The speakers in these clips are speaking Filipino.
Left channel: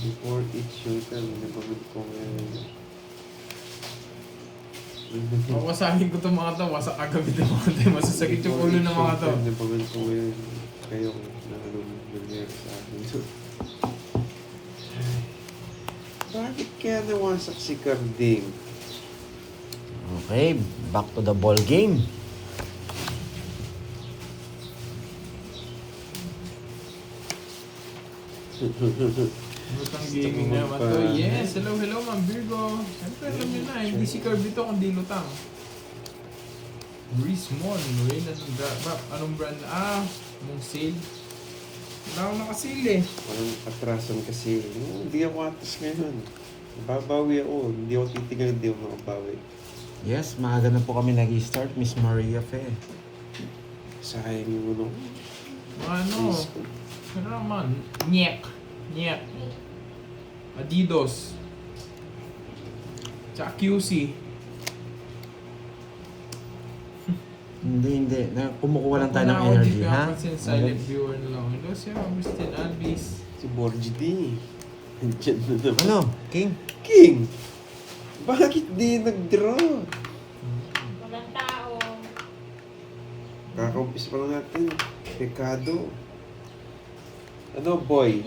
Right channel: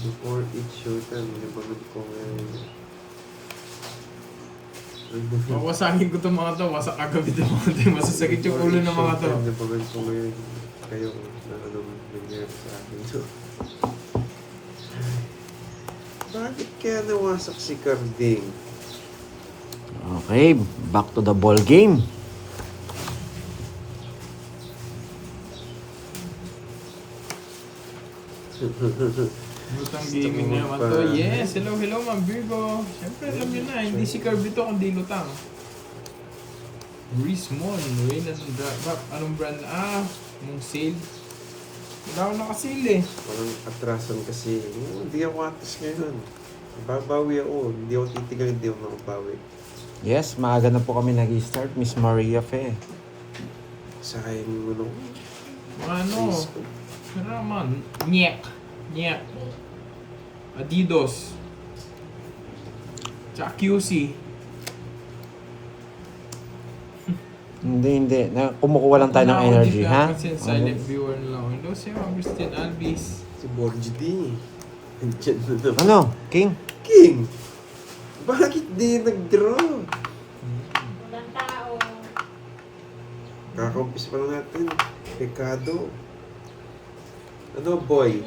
Before each showtime, napagod ko ngayon. Wawasakin ko itong mga to. Wasak kagabi itong mga to. Masasakit yung ulo ng mga to. Napagod ko ngayon. Kayo, na ano nangyari sa akin. Bakit kaya nawasak si Carding? Okay, back to the ball game. Lutang gaming naman to. Yes, hello, Ma'am Virgo. Siyempre, alam nyo na, hindi si Kirby to, kundi Lutang. Rismon, Reyna ng anong brand? Anong sale? Wala akong nakasale eh. Parang atrasan kasi. Hindi ako atas ngayon. Babawi ako. Hindi ako titigal, hindi ako makabawi. Yes, maaga na po kami nag-start, Miss Maria Fe. Sayang yung ano. Ano? Ano naman? Nyek. Adidas. Tsaka QC. Hindi. Kumukuha lang tayo ng energy, ha? Kasi silent viewer na lang. Hello, si Agustin Alvis. Si Borgie D. Nandiyan na naman. Ano, King? King! Bakit di nag-draw? Walang tao. Kaka-umpis pa lang natin. Pekado. Ano, boy?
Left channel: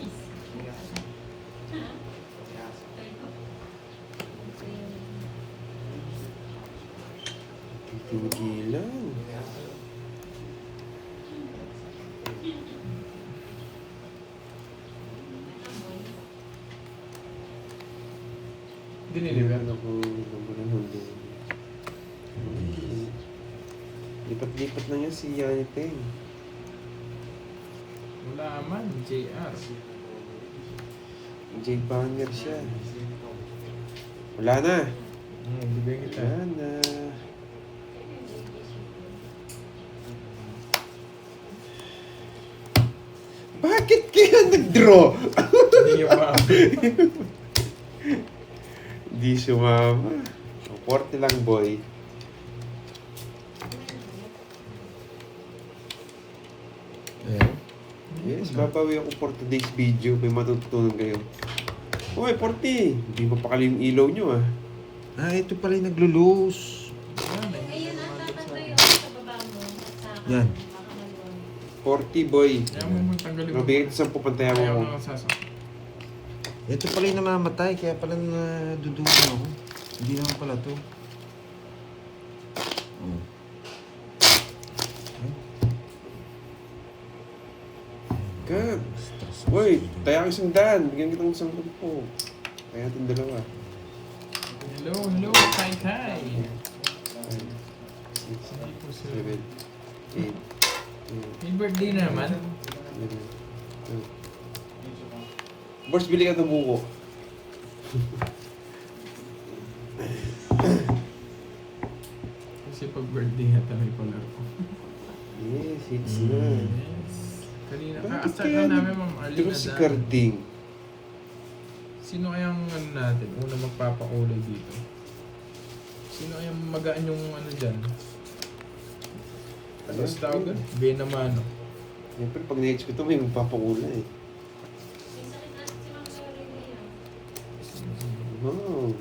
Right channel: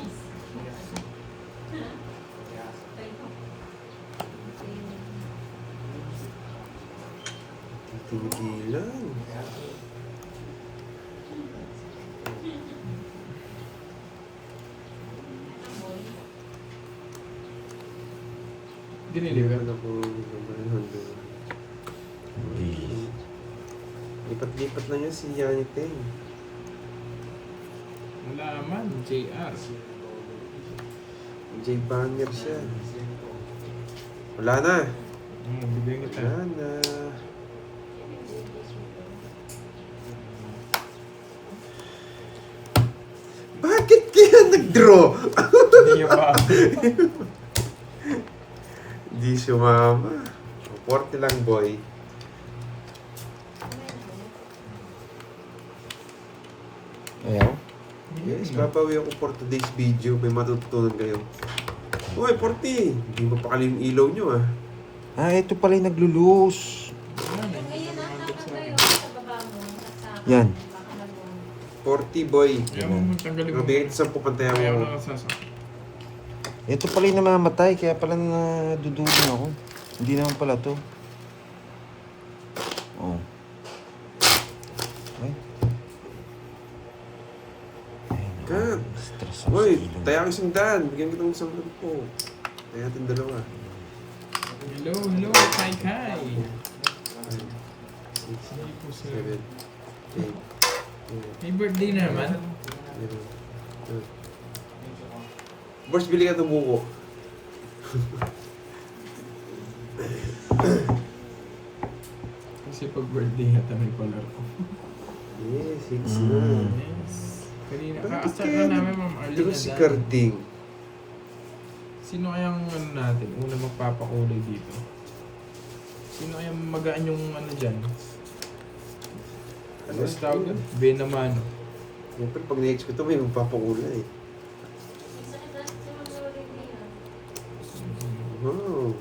Titigilan. Giniliver. Ano ko, lipat-lipat na niya si Yaniteng. Wala man, JR. J. Banger siya. Wala na. Bigyan kita. Wala na. Bakit kaya nag-draw? Hindi niya ba? Hindi sumama. 40 lang, boy. Ayaw. Yes, babawi ako for today's video. May matututunan kayo. Uy, 40! Hindi mapakali yung ilaw nyo, ah. Ito pala yung naglo-loose. Ngayon ang tatayo sa baba mo. Sa Yan. 40, boy. Ayaw mo tanggalin mo. Mabigay sa pupuntayan Ayaw mo. mo nasasak. Ito pala yung namamatay, kaya pala nadudulong ako. Hindi naman pala to. Oh. Okay. God. Stress Uy, tayo ang isang daan. Bigyan kitang isang po. Kaya natin dalawa. Hello, Kai. Hindi po sir. 7, 8, May birthday naman. Boss, bili ka ng buko. Kasi pag birthday natin may palaro. Yes, it's na. Yes. Kanina, ka-start na namin Ma'am Ito Arlene si na Carding. Sino kayang ano natin, una magpapakulay dito? Sino kayang magaan yung ano dyan? Ano yung tawag doon? Benamano. Siyempre, pag na-hits ko ito, may magpapakula eh. Wow.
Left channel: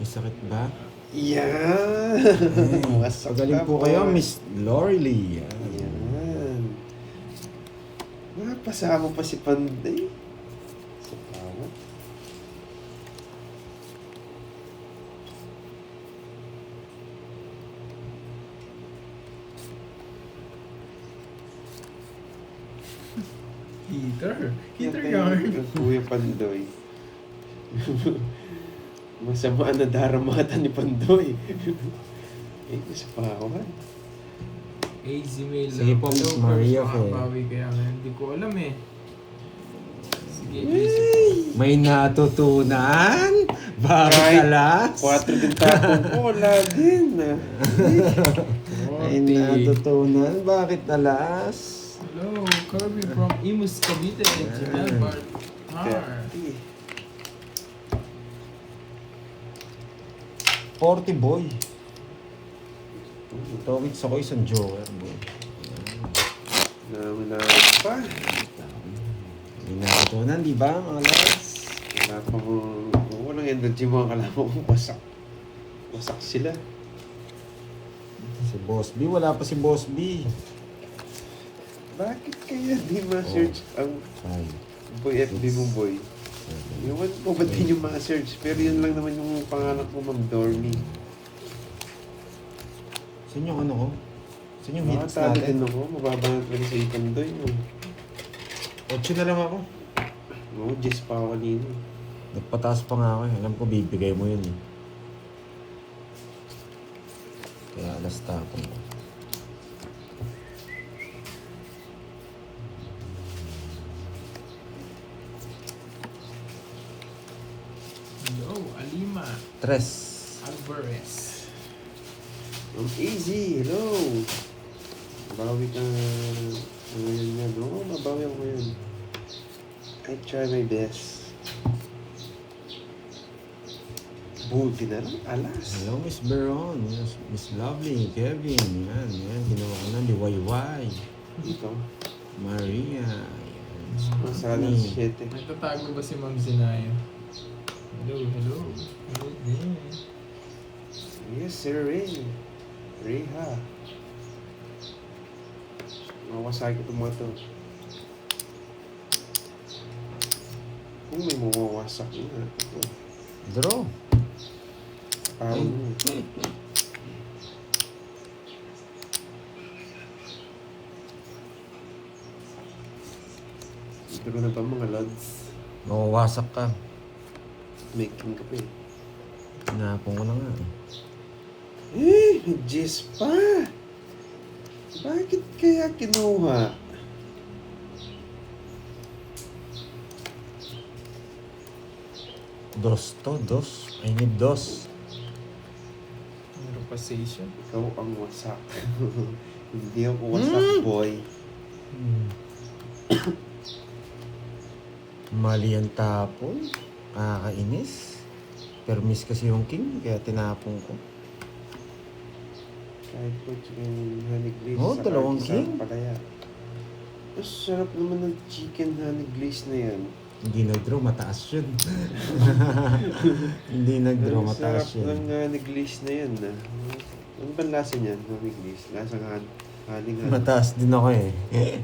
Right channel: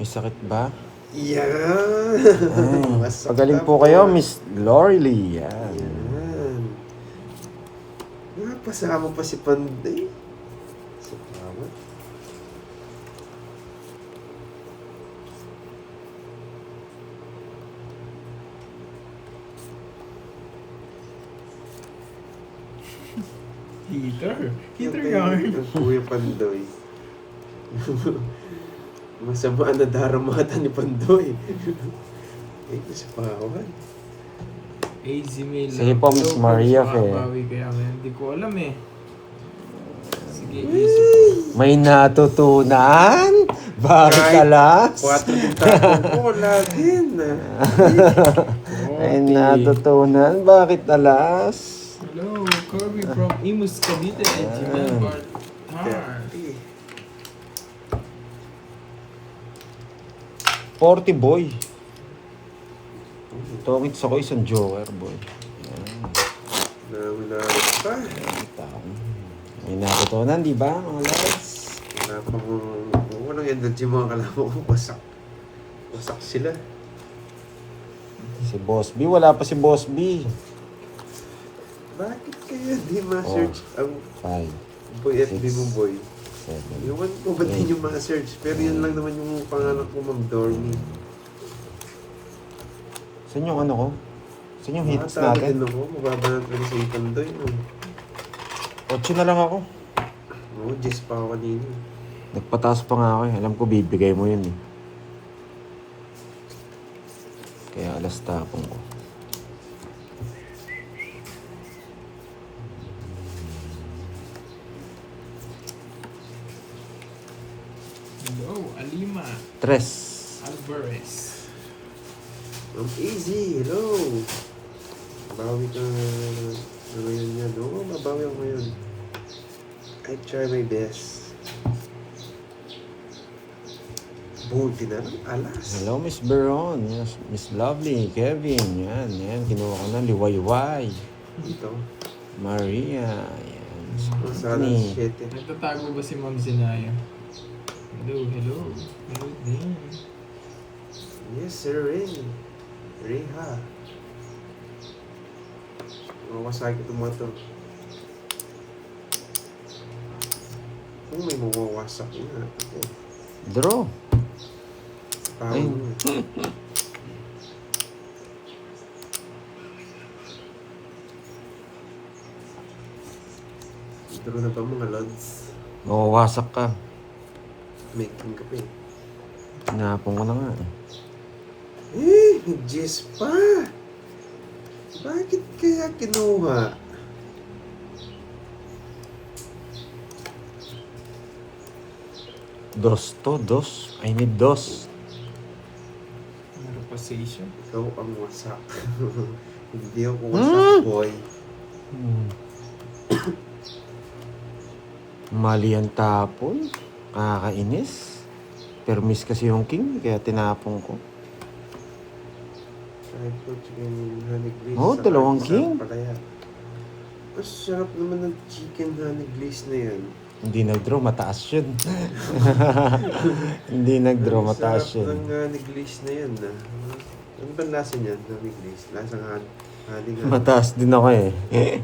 May sakit ba? Yan! Pagaling po kayo, Miss Lorely. Yan. Yan. Napasama pa si Panday. Sa tawa. Heater yarn. Ang Kuya Pandoy. Masama na daramata ni Pandoy. Ito si Pawan. AZ Mail. Sige po, Miss Maria, Bawi kaya ngayon. Hindi ko alam eh. Sige, May natutunan? Bakit alas? 4 din tapo ko. Lagin na. May natutunan? Bakit alas? Hello, Kirby from Imus Cavite. Gmail Heart. 40 boy. Tokits ako isang joker boy. Nawala pa. Tao. natutunan, di ba, mga lads? Wala pa mo, walang energy mga kalamo ko. Wasak. Wasak sila. Si Boss B, wala pa si Boss B. Bakit kaya di ma-search ang 5, boy FB mo, boy? 7. Ewan ko ba't di nyo ma-search? Pero yun lang naman yung pangalan ko, Ma'am Dormy. Saan yung ano ko? Saan yung hits Makatalo natin? din ako. Mababa na talaga sa Ipandoy. 8 na lang ako. Oo, Jess pa ako kanina. Nagpataas pa nga ako eh. Alam ko bibigay mo yun eh. Kaya alas tapon ko. Hello, Alima. 3. Alvarez. Ma'am Easy, hello! Mabawi ka ngayon yan. Oo, mabawi ako ngayon. I try my best. Buti na lang, alas. Hello, Miss Beron. Yes, Miss Lovely. Kevin. Yan. Kinuha ko na. Liwayway. Dito. Maria. Yan. Sana Ni. 7. Nagtatago ba si Ma'am Zinaya? Hello, hello. Hello there. Yes, sir, Ray. Reha. Mawasay ko mo ito. Kung may mawawasak na. Ako. Draw. Parang Dito na ba mga lads? Mawawasak ka. May king ka pa eh. Tinapon ko na nga. Jess pa! Bakit kaya kinuha? Dos. I need dos. Meron pa station. Ikaw ang wasak. Hindi ako wasak, boy. Mali ang tapon. Kakainis. Permis kasi yung king, kaya tinapon ko. Kahit po, chicken honey glaze. Oh, sa dalawang kahit king. isang palaya. Mas sarap naman ng chicken honey glaze na yan. Hindi nag-draw, mataas yun. Hindi nag-draw, Ang mataas sarap ng yun. honey glaze na yan. Ano ba lasa niyan, honey glaze? Lasang honey nga. Mataas din ako eh. Yan.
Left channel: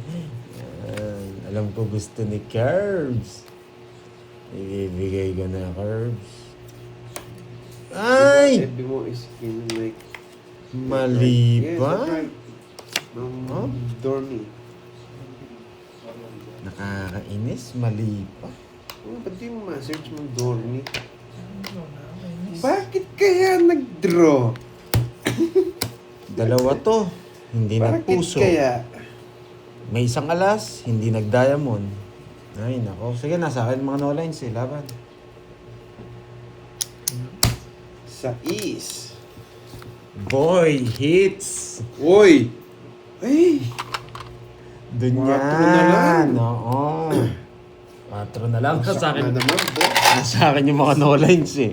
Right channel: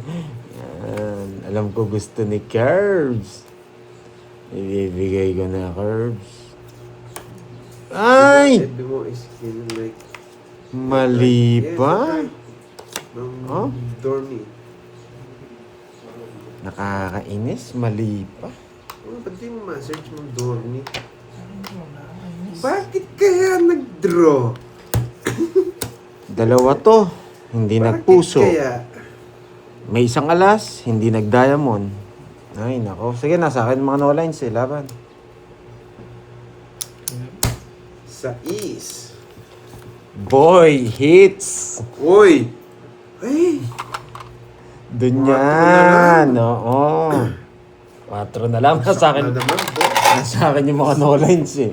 Alam ko gusto ni Curbs. Ibibigay ko na Curbs. Ay! Sabi mo is skin like... Mali Yes, pa. that's right. Oh? Dormy. Nakakainis, mali pa. Oh, ba't di mo ma-search mo Dormy? Ano na? Nakakainis. Bakit kaya nag-draw? Dalawa to, hindi nagpuso. Bakit kaya? May isang alas, hindi nag-diamond. Ay, nako. Sige, nasa akin mga no lines eh, laban. Sa is. Boy, hits! Uy! Ay! Dun 4 na yan. lang. Oo. 4 na lang. Sa akin, Na naman, boss. sa akin yung mga no lines eh.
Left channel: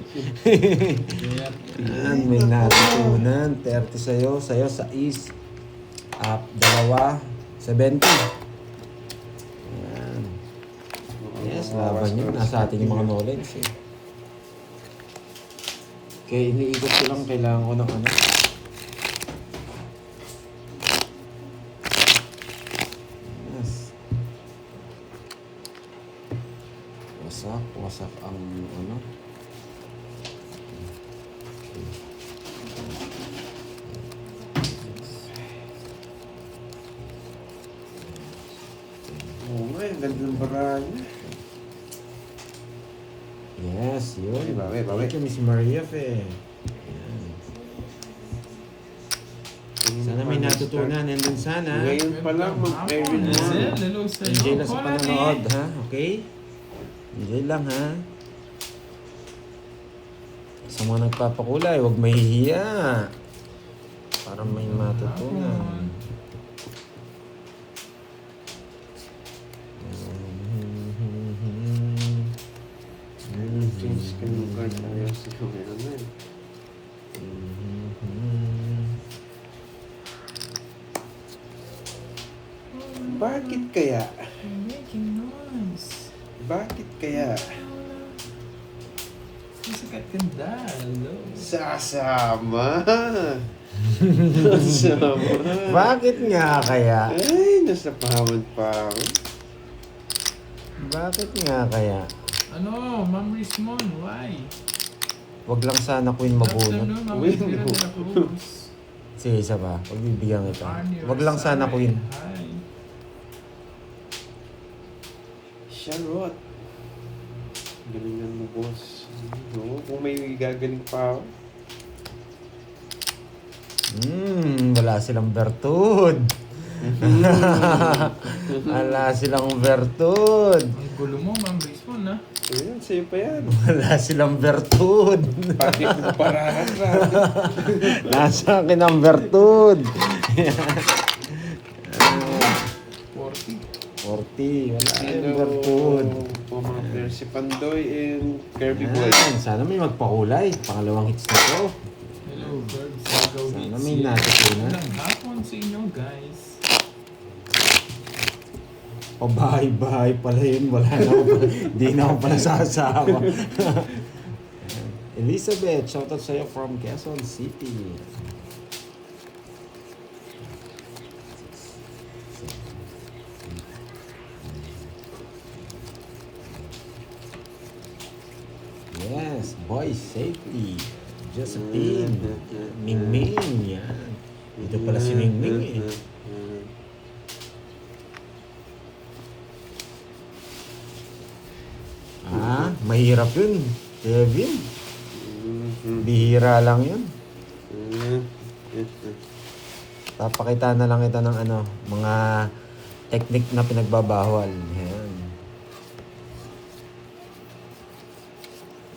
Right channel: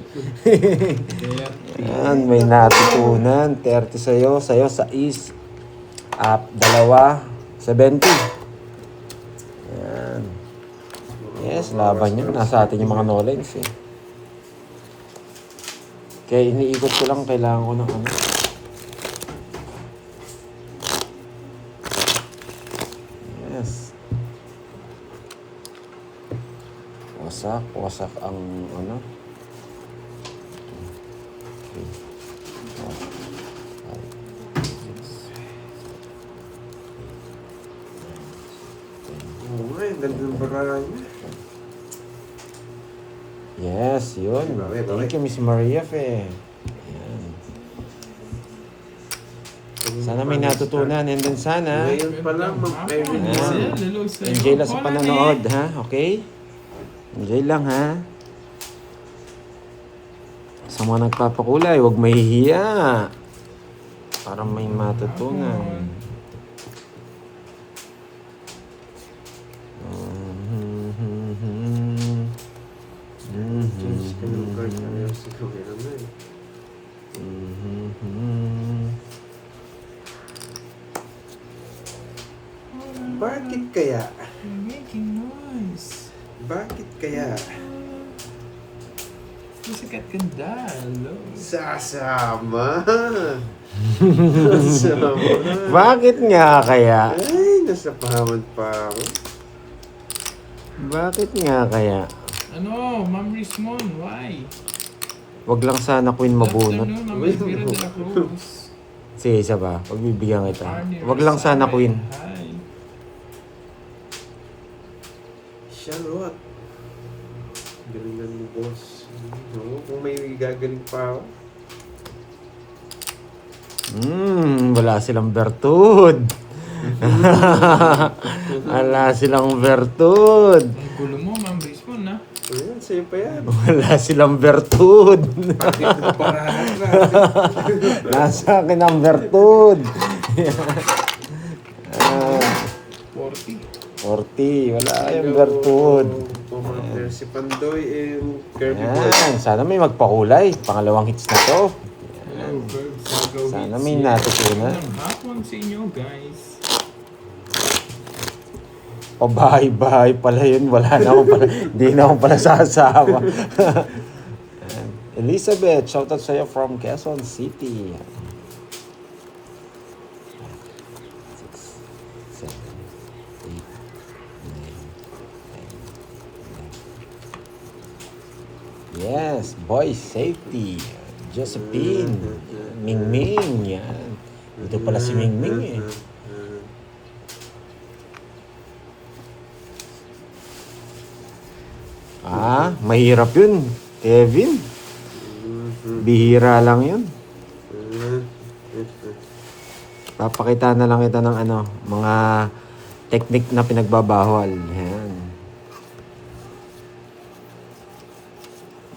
Yan, may natutunan. 30 sa'yo sa is. Up, 2, 70. Yan. Yes, laban yun. Nasa atin yung mga no lines eh. Kaya iniikot ko lang, kailangan ko ng ano. Yes. Wasak ang ano. Oo nga, ang ganda ng baranya. Yes, yun. Bawi. Thank you, Miss Maria Fe. Yan. Sana may natutunan. And then sana, Ngayon pa lang, mag-Irene Ah. Moore. Hello sa'yo. enjoy lang sa Wala panonood, eh. ha? Okay? Enjoy lang, ha? Sa mga nagpapakulay, huwag mahihiya. Para may matutunan. Change ka ng card. Ayos, ikaw meron na eh. Bakit kaya? You're making noise. Bakit kaya? Sikat ganda. Hello. Sasama. Sasama. Bakit nga kaya? Ay, nasa pahawad pa ako. Bakit nga kaya? Ano, Ma'am Rismon, why? Wag lang sana Queen Good mabunot. afternoon, Ma'am Elvira de la Cruz. Sige, isa ba? Pagbibigyan kita. Arnie Wag lang sana Rosales, Queen. Hi. Charlotte. Galingan mo, boss. Oo, kung may gagaling pa ako. Wala silang bertud. Wala silang bertud. Ang gulo mo, Ma'am Rismon, ha? Ayan, sa'yo pa yan. Wala silang bertud. Pati ko parahan na. Nasa akin ang bertud. 40. 40. Wala yung bertud. Pumater si Pandoy and Kirby Boy. Yan. Sana may magpakulay. Pangalawang hits na to. Hello, birds. Go Sana hits. may natutunan. Yan ang hapon sa inyo, guys. Pabahay-bahay pala yun. Wala na ako pala. Hindi na ako pala sasawa. Elizabeth, shoutout sa'yo from Quezon City. Yes, boy safety. Josephine, Mingming, yan. Dito pala si Mingming eh. Ah, mahirap yun, Kevin. Bihira lang yun. Papakita na lang kita ng ano, mga technique na pinagbabawal. Yan.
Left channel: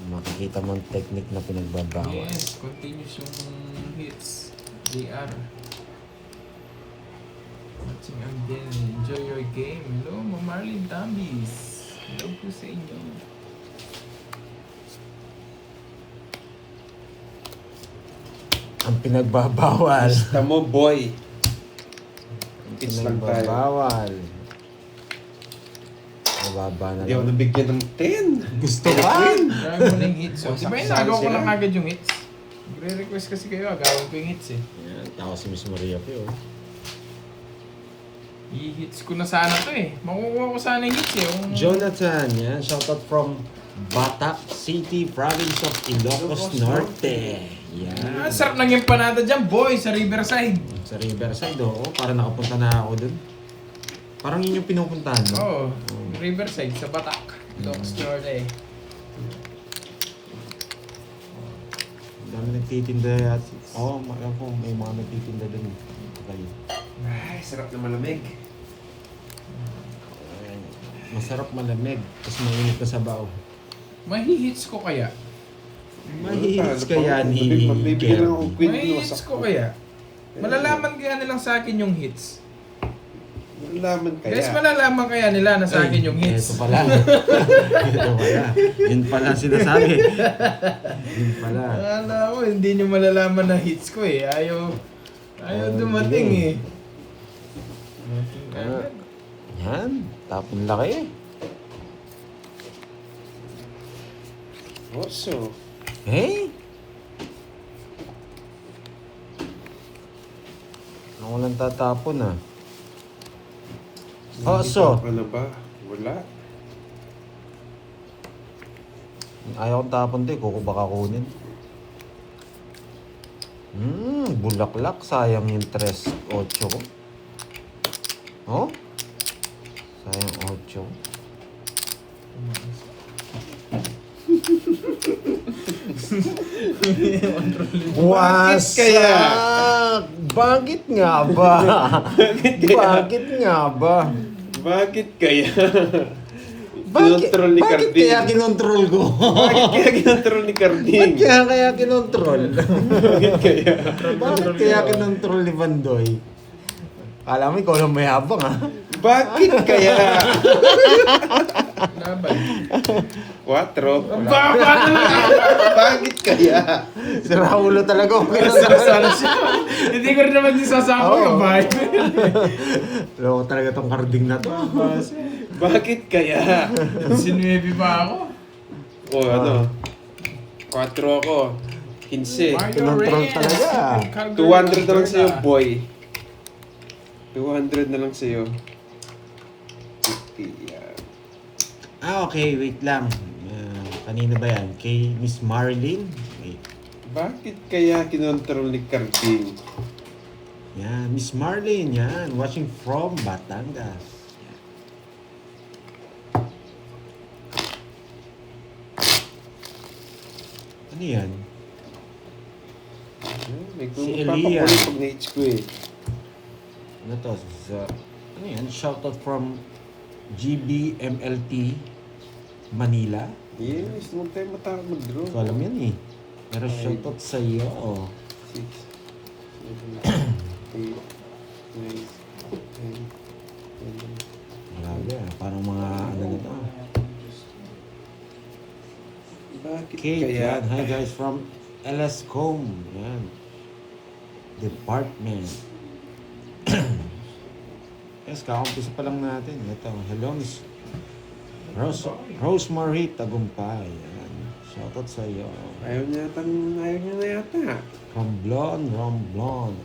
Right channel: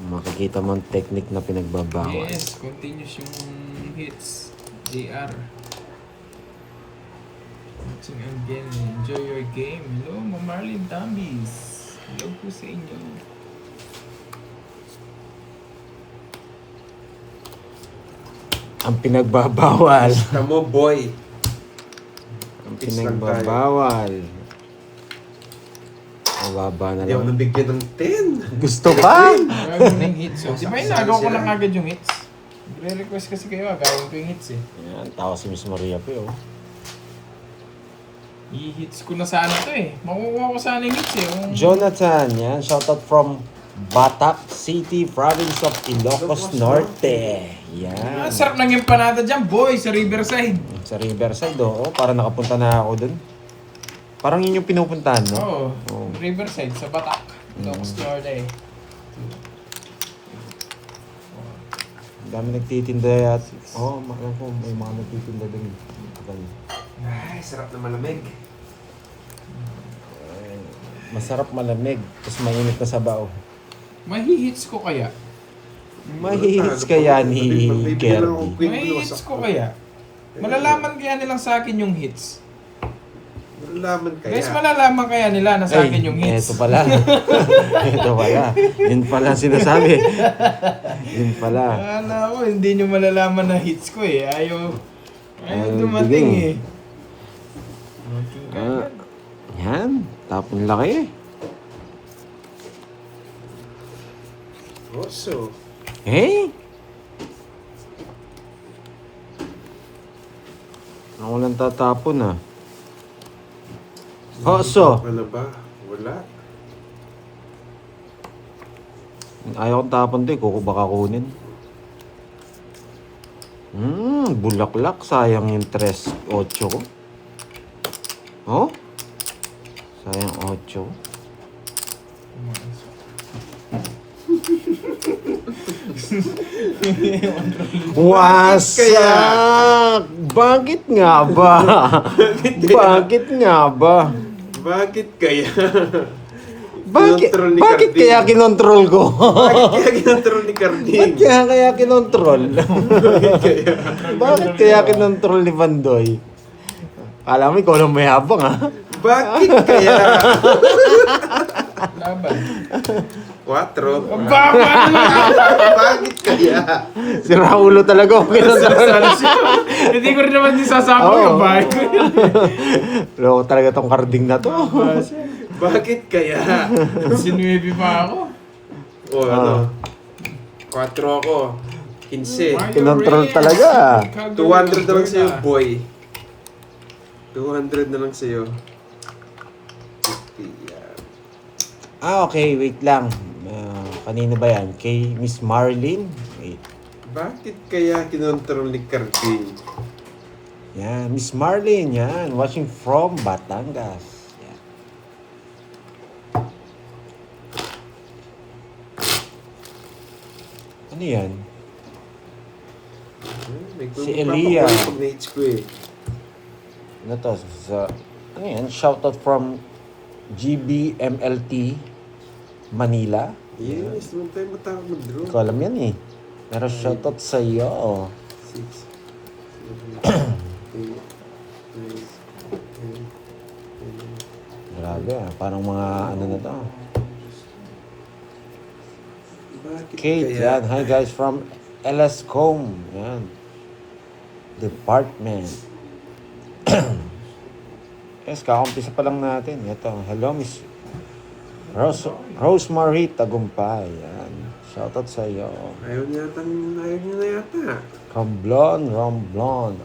Makikita mo ang technique na pinagbabawal. Yes, continuous yung hits. JR. Watching again. Enjoy your game. Hello, Ma'am Marlene Tambis. Hello po sa inyo. Ang pinagbabawal. Basta mo, boy. Ang Hits lang tayo. pinagbabawal. Mababa na Hindi ako lang. nabigyan ng 10. Gusto ka? Gagawin mo na yung hits. Oh. Di ba Sasali inagaw ko sila. lang agad yung hits? Re-request kasi kayo, agawin ko yung hits eh. Yan, tawa si Miss Maria pa oh. I-hits ko na sana to eh. Makukuha ko sana yung hits eh. Yung... Jonathan, yan. Shoutout from Batak City, province of Ilocos Norte. Ang Yan. sarap ng empanada dyan, boy, sa Riverside. Sa Riverside, oo. Para nakapunta na ako dun. Parang yun yung pinupuntahan, no? Oo, Oo. Riverside, sa Batak. Ilocos Norte eh. Ang dami nagtitinda yat. Oo, alam ko, may mga nagtitinda dun. Ay, sarap na malamig. Ay, masarap malamig, tapos mainit na sabaw. Mahihits ko kaya? Mahihits kaya ni Kirby. Mahihits ko kaya? Malalaman kaya nilang sa akin yung hits? Malalaman kaya. Guys, malalaman kaya nila na sa akin yung hits? Ito pala. Ito pala. Yun pala sinasabi. Yun pala. Akala ko, hindi nyo malalaman na hits ko eh. Ayaw dumating eh. Dumating ka Ah, agad. yan. Tapong laki. Oso. Eh? Ako lang tatapon ah. Oso. Wala ba? Wala. Ayaw kong tapon to eh. Kuko baka kunin. Bulaklak. Sayang yung 3-8 ko. Oh? Sayang 8 ko. Bakit kaya? Bakit nga ba? Bakit nga ba? Bakit kaya? Bakit, Kinontrol ni bakit Carding. kaya kinontrol ko? Bakit kaya kinontrol ni Carding? Bakit kaya kinontrol? Bakit kaya kinontrol ni Bandoy? Alam mo, ikaw lang may habang ha? Bakit kaya? Laban. 4. Bakit? Bakit kaya? Si Raulo talaga ako kinontrol. Hindi ko rin naman din sasama Oo. yung bahay ko. Loko talaga tong Carding na to. Bakit kaya? Sinuebi pa ako. O ano? 4 ako. 15. Kinontrol talaga. 200 na lang sa'yo, boy. 200 na lang sa'yo. 50, yan. Okay, wait lang. Kanino ba yan? Kay Miss Marlene? Wait. Bakit kaya kinontrol ni Cardi? Yan, Miss Marlene, yan. Watching from Batangas. Yan. Ano yan? May Si Elia. pag na-hits ko eh. Ano to? Ano yan? Shoutout from GBMLT Manila. Yes, naman tayo matawag mag-draw. Hindi ko alam yan eh. Pero shoutout sa iyo. 6, 7, 8, 9, 10, 11. Grabe ah. Parang mga ano na to. Bakit Kate, kaya? yan. Hi guys from LSCOM. Yan. Department. Yes, kakampisa pa lang natin. Ito. Hello, Miss Rosemary Tagumpay. Yan. Shoutout sa iyo. Ayaw niyo na yata. Romblon.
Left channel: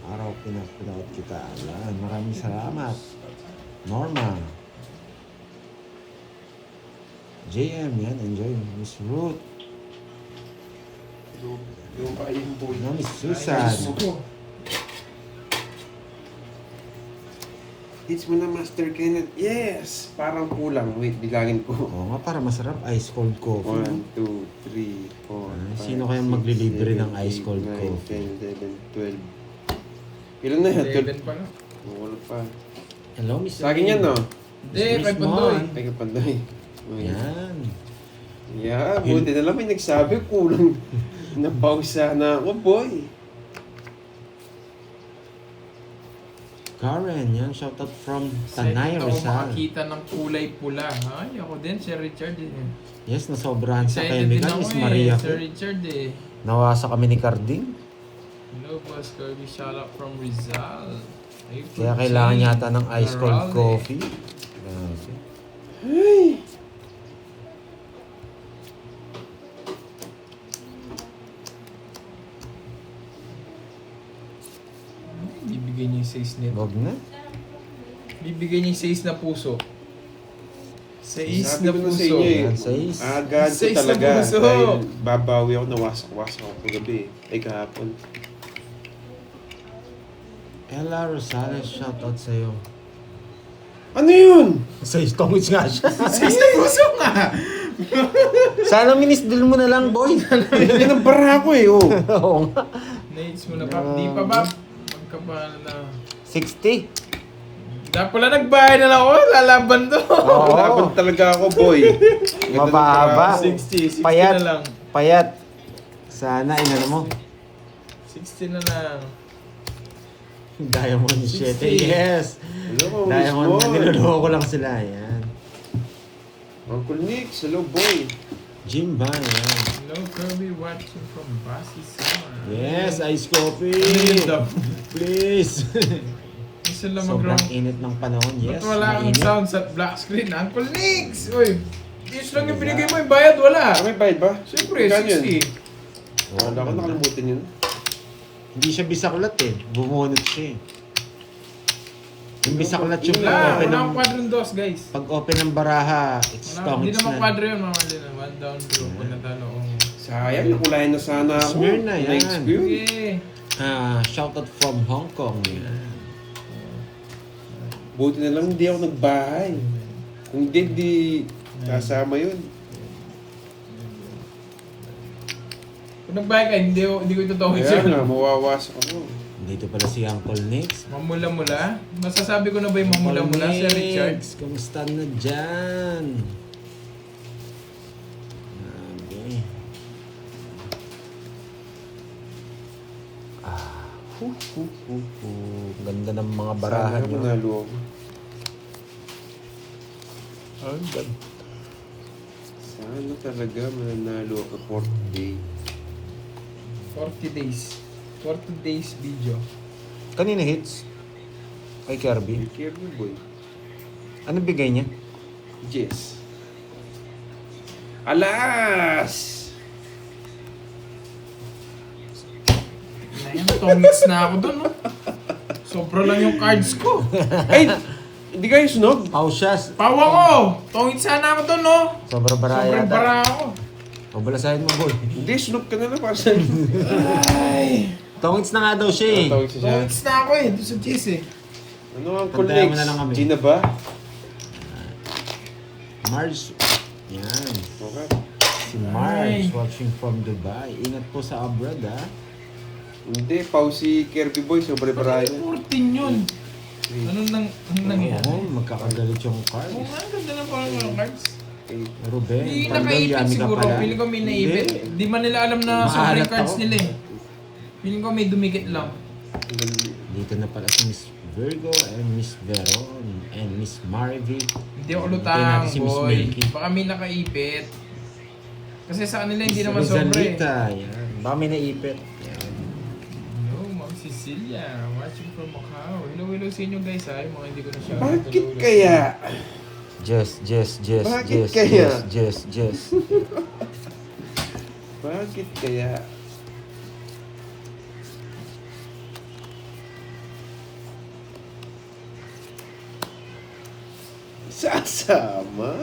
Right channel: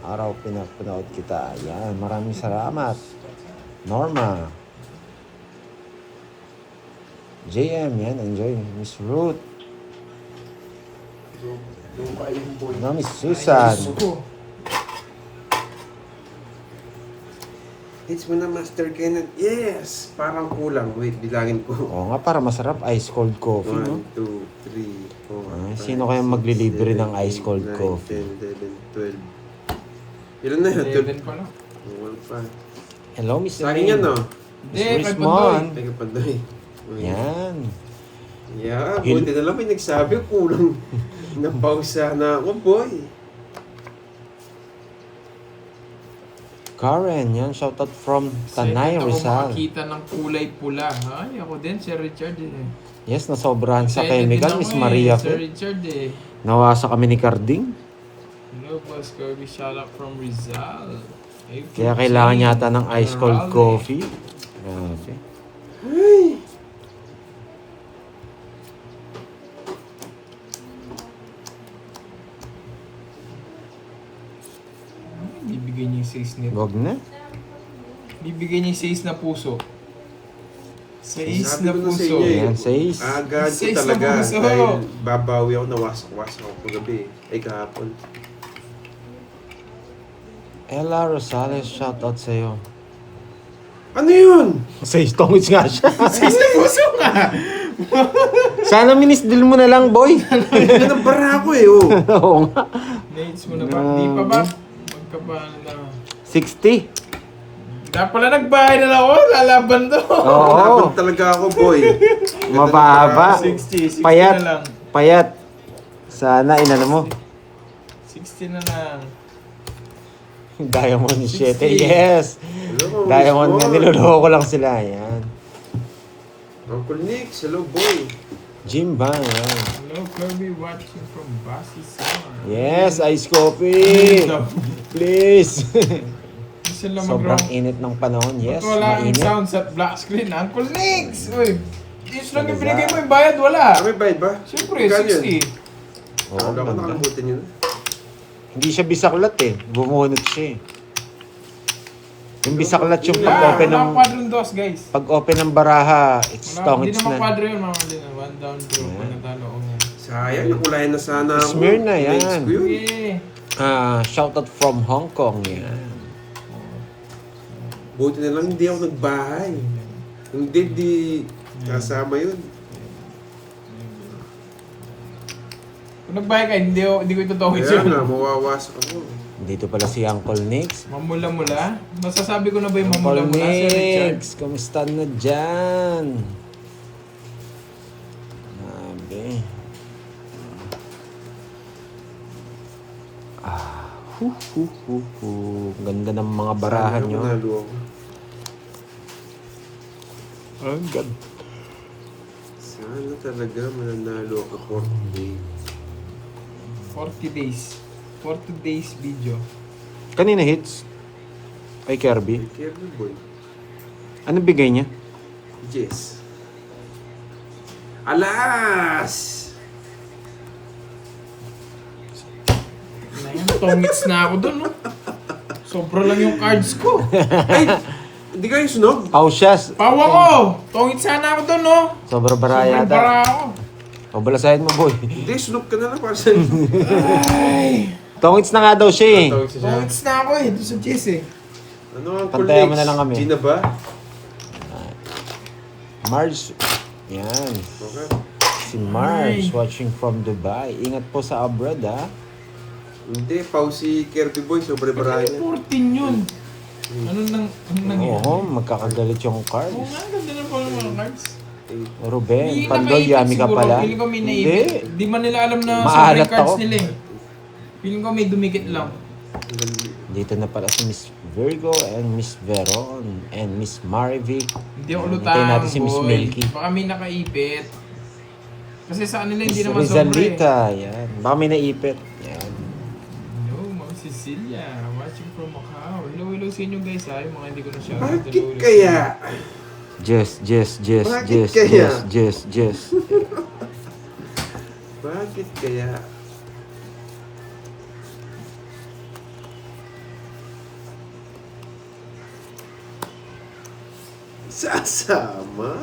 Araw pinapanood kita. Yan. Maraming salamat. Norma. JM. Yan. Enjoy. Miss Ruth. Yung ba yung boy? Ano, Miss Susan. Hits mo na, Master Kenneth. Yes! Parang kulang. Wait, bilangin ko. Oo nga, para masarap. Ice cold coffee, no? 1, 2, 3, 4, Ay, sino kaya maglilibre ng ice cold coffee? 10, 11, 12. Ilan na yan? 11 pa no? Wala pa. Hello, Miss Sa akin yan, no? Hindi, Miss kay Mon. Pandoy. May kapanday. Yan. Yeah, buti na lang may nagsabi. Kulang. Napausa na ako, boy. Karen, yan. Shoutout from Tanay Ako Rizal. makakita ng kulay pula. Ay, ako din, Sir Richard eh. Yes, nasobrahan sa Excited chemical, din Miss ako Maria. Sir Richard eh. Nawasa kami ni Carding. Hello, Boss Kirby. Shout out from Rizal. Ay, Kaya kailangan yata ng ice cold Raleigh. coffee. Okay. Ay! Bibigay niya yung 6 nito. Wag na. Bibigay niya yung 6 na puso. 6 Sabi na ko na sa puso. inyo eh. Yan, says. Agad ko Seis na talaga. puso. Dahil babawi ako, nawasak-wasak ako kagabi. Ay, kahapon. Ella Rosales, shoutout sa'yo. Ano yun? Says, tongits nga siya. 6 na puso nga! Sana minisdil mo na lang, boy. Yan ang bara ko eh, oh. Oo nga. Nates mo na ba? Di pa ba? Magkapaano na. 60. Dapat pala nagbayad na ako. Lalaban to. Oo. Laban talaga ako, boy. Ganda ng Mababa. bara ko. 60 Payat. na lang. Payat. Sana, inano mo. 60 na lang. Diamond 7. 60. Yes. Hello, Diamond nga, Miss Mon. niloloko lang sila. Yan. Uncle Nick, hello, boy. Jim Bang. Yan. Hello, Kirby watching from Basisan. Yes, ice coffee. Please. Gusto lang Sobrang mag-round. init ng panahon. Yes, Ba't wala ang mainit. sounds at black screen? Uncle Nix! Uy! Yes lang yung binigay mo yung bayad, wala. Ah, may bayad ba? Siyempre, Magkano yun? 60. Oo, Ano ko ganda. nakalimutan yun? Hindi siya bisaklat eh. Bumunot siya eh. Yung bisaklat yung Wala, pag-open wala ng... akong quadron dos, guys. Pag-open ng baraha, it's Wala, hindi tongits naman na. quadro yun, mga Lina. One down bro, Yeah. pag natalo ko. Sayang, nakulayan na sana ako. Smyrna, yan. Next ko yun. Yeah. Shoutout from Hong Kong. Yan. Buti na lang hindi ako nagbahay. Hindi, di kasama yun. Kung nagbayad ka, hindi ko itutukoy Kaya sa'yo. nga, mawawasak ako. Dito pala si Uncle Nix. Mamula-mula? Masasabi ko na ba yung Uncle mamula-mula, Sir Richard? Nix, kumusta na dyan? Grabe. Ganda ng mga barahan Sana nyo. manalo ako. Oh, God. Sana talaga mananalo ako for today. 40 days. 40 days video. Kanina hits? Kay Kirby. Be careful, boy. Ano bigay niya? Yes. Alas! Ngayon, tongits na ako dun, no? Sobra lang yung cards ko. Ay! Hindi kayo sunog? Pausyas. Pawa ko! Tongits sana ako dun, no? Sobrang bara Sobrang yata. bara ako. Pabalasahin mo, boy. Hindi, sunog ka na lang para sa... Ay! Tongits na nga daw siya eh. Tongits na ako eh, doon sa chess eh. Ano ang Pantayan mo na lang kami. Di na ba? Mars. Yan. Okay. Si Mars Ay. watching from Dubai. Ingat po sa abroad, ha? Hindi, pause si Kirby Boy. Sobrang Bakit barayan. 14 yun? Anong nangyari? Oo, magkakagalit yung Oo cards. nga, ganda lang pala ng mga cards. Ruben, Hindi Pandoy, nakaipit yami ka siguro. pala. Feeling ko may naipit. Di man nila alam na Maalat sobrang cards ako. nila eh. Feeling ko may dumikit lang. Dito na pala si Miss Virgo and Miss Veron and Miss Marivic. Hindi ako Hintayin lutang, natin si Miss boy. Milky. Baka may nakaipit. Kasi sa kanila hindi Miss naman sobra eh. Rizalita, yan. Baka may naipit. Yan. Yo, Ma'am Cecilia, watching from Macau. Hello sa inyo guys ha, yung mga hindi ko na siya. Bakit kaya? Just. Bakit kaya? Just. Bakit kaya? Sasama.